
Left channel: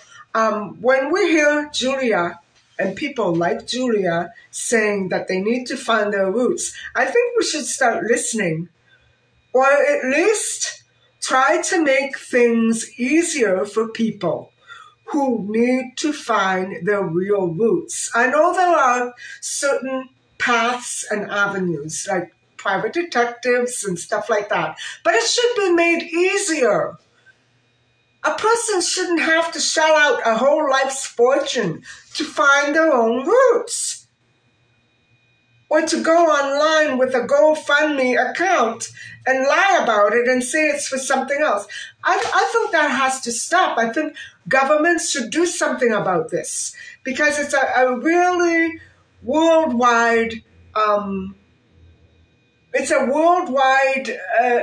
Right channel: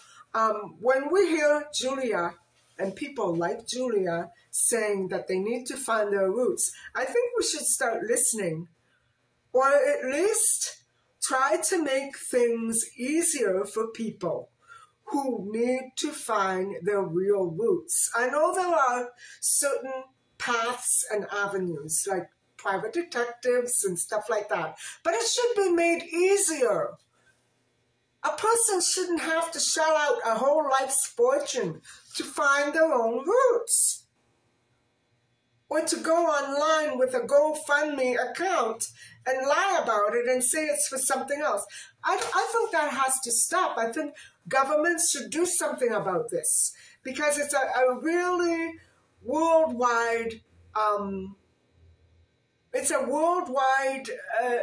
when we hear Julia and people like Julia saying that they need to find their roots, I think we should start listening, or at least try to make things easier for people who need to find their real roots. I know there are certain paths and avenues, like private detectives and stuff like that, but it should be made easier. A person shouldn't have to shell out a whole life's fortune to find their own roots, or to go online with a GoFundMe account and lie about it and say it's for something else. I think that has to stop. I think governments should do something about this, because it's a really worldwide,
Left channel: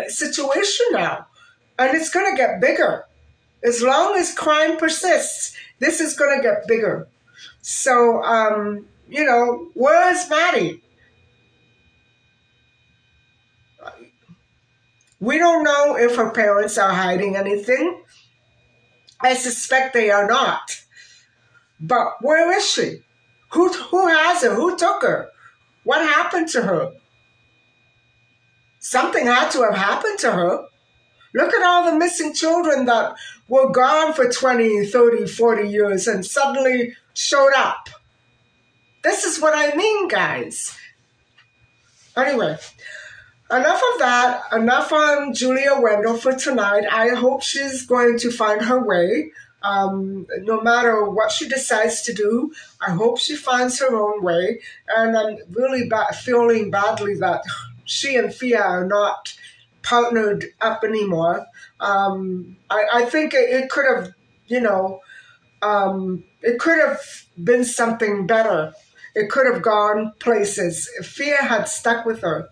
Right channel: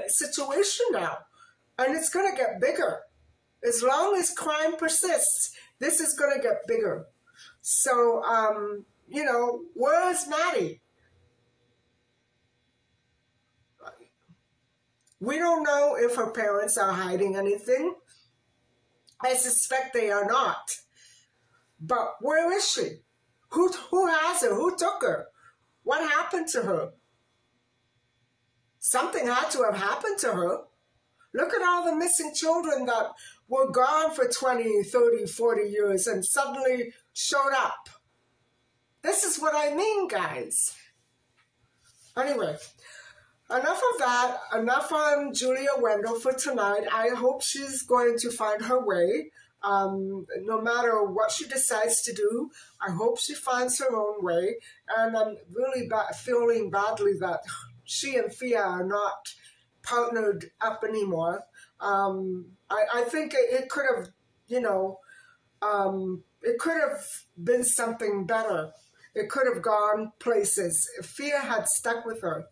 situation now, and it's going to get bigger. As long as crime persists, this is going to get bigger. So, where's Maddie? We don't know if her parents are hiding anything. I suspect they are not. But where is she? Who has her? Who took her? What happened to her? Something had to have happened to her. Look at all the missing children that were gone for 20, 30, 40 years and suddenly showed up. This is what I mean, guys. Anyway, enough of that. Enough on Julia Wendell for tonight. I hope she's going to find her way. No matter what she decides to do, I hope she finds her own way. And I'm really feeling badly that she and Fia are not partnered up anymore. I think it could have, it could have been something better. It could have gone places if Fia had stuck with her.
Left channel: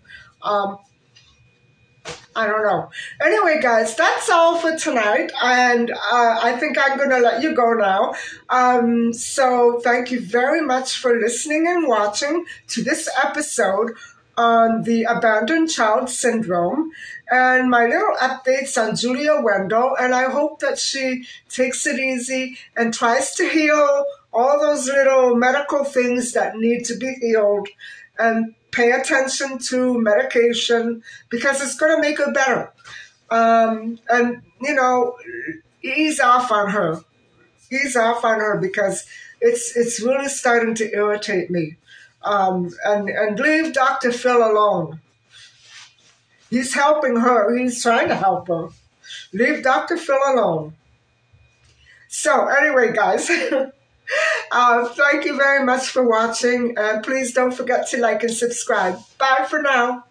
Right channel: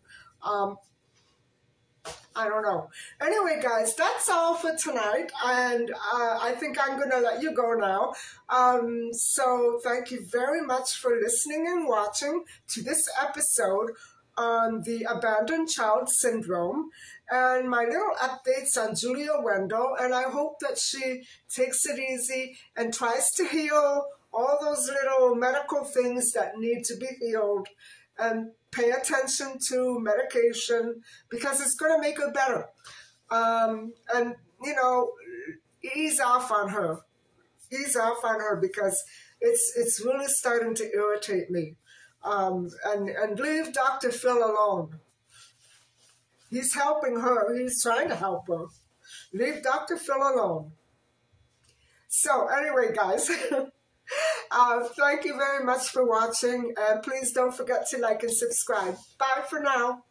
I don't know. Anyway, guys, that's all for tonight. And I think I'm going to let you go now. So thank you very much for listening and watching to this episode on the abandoned child syndrome and my little updates on Julia Wendell. And I hope that she takes it easy and tries to heal all those little medical things that need to be healed, and pay attention to medication because it's going to make her better. And, ease off on her. Ease off on her because it's really starting to irritate me. And leave Dr. Phil alone. He's helping her. He's trying to help her. Leave Dr. Phil alone. So anyway, guys, thank you very much for watching. And please don't forget to like and subscribe. Bye for now.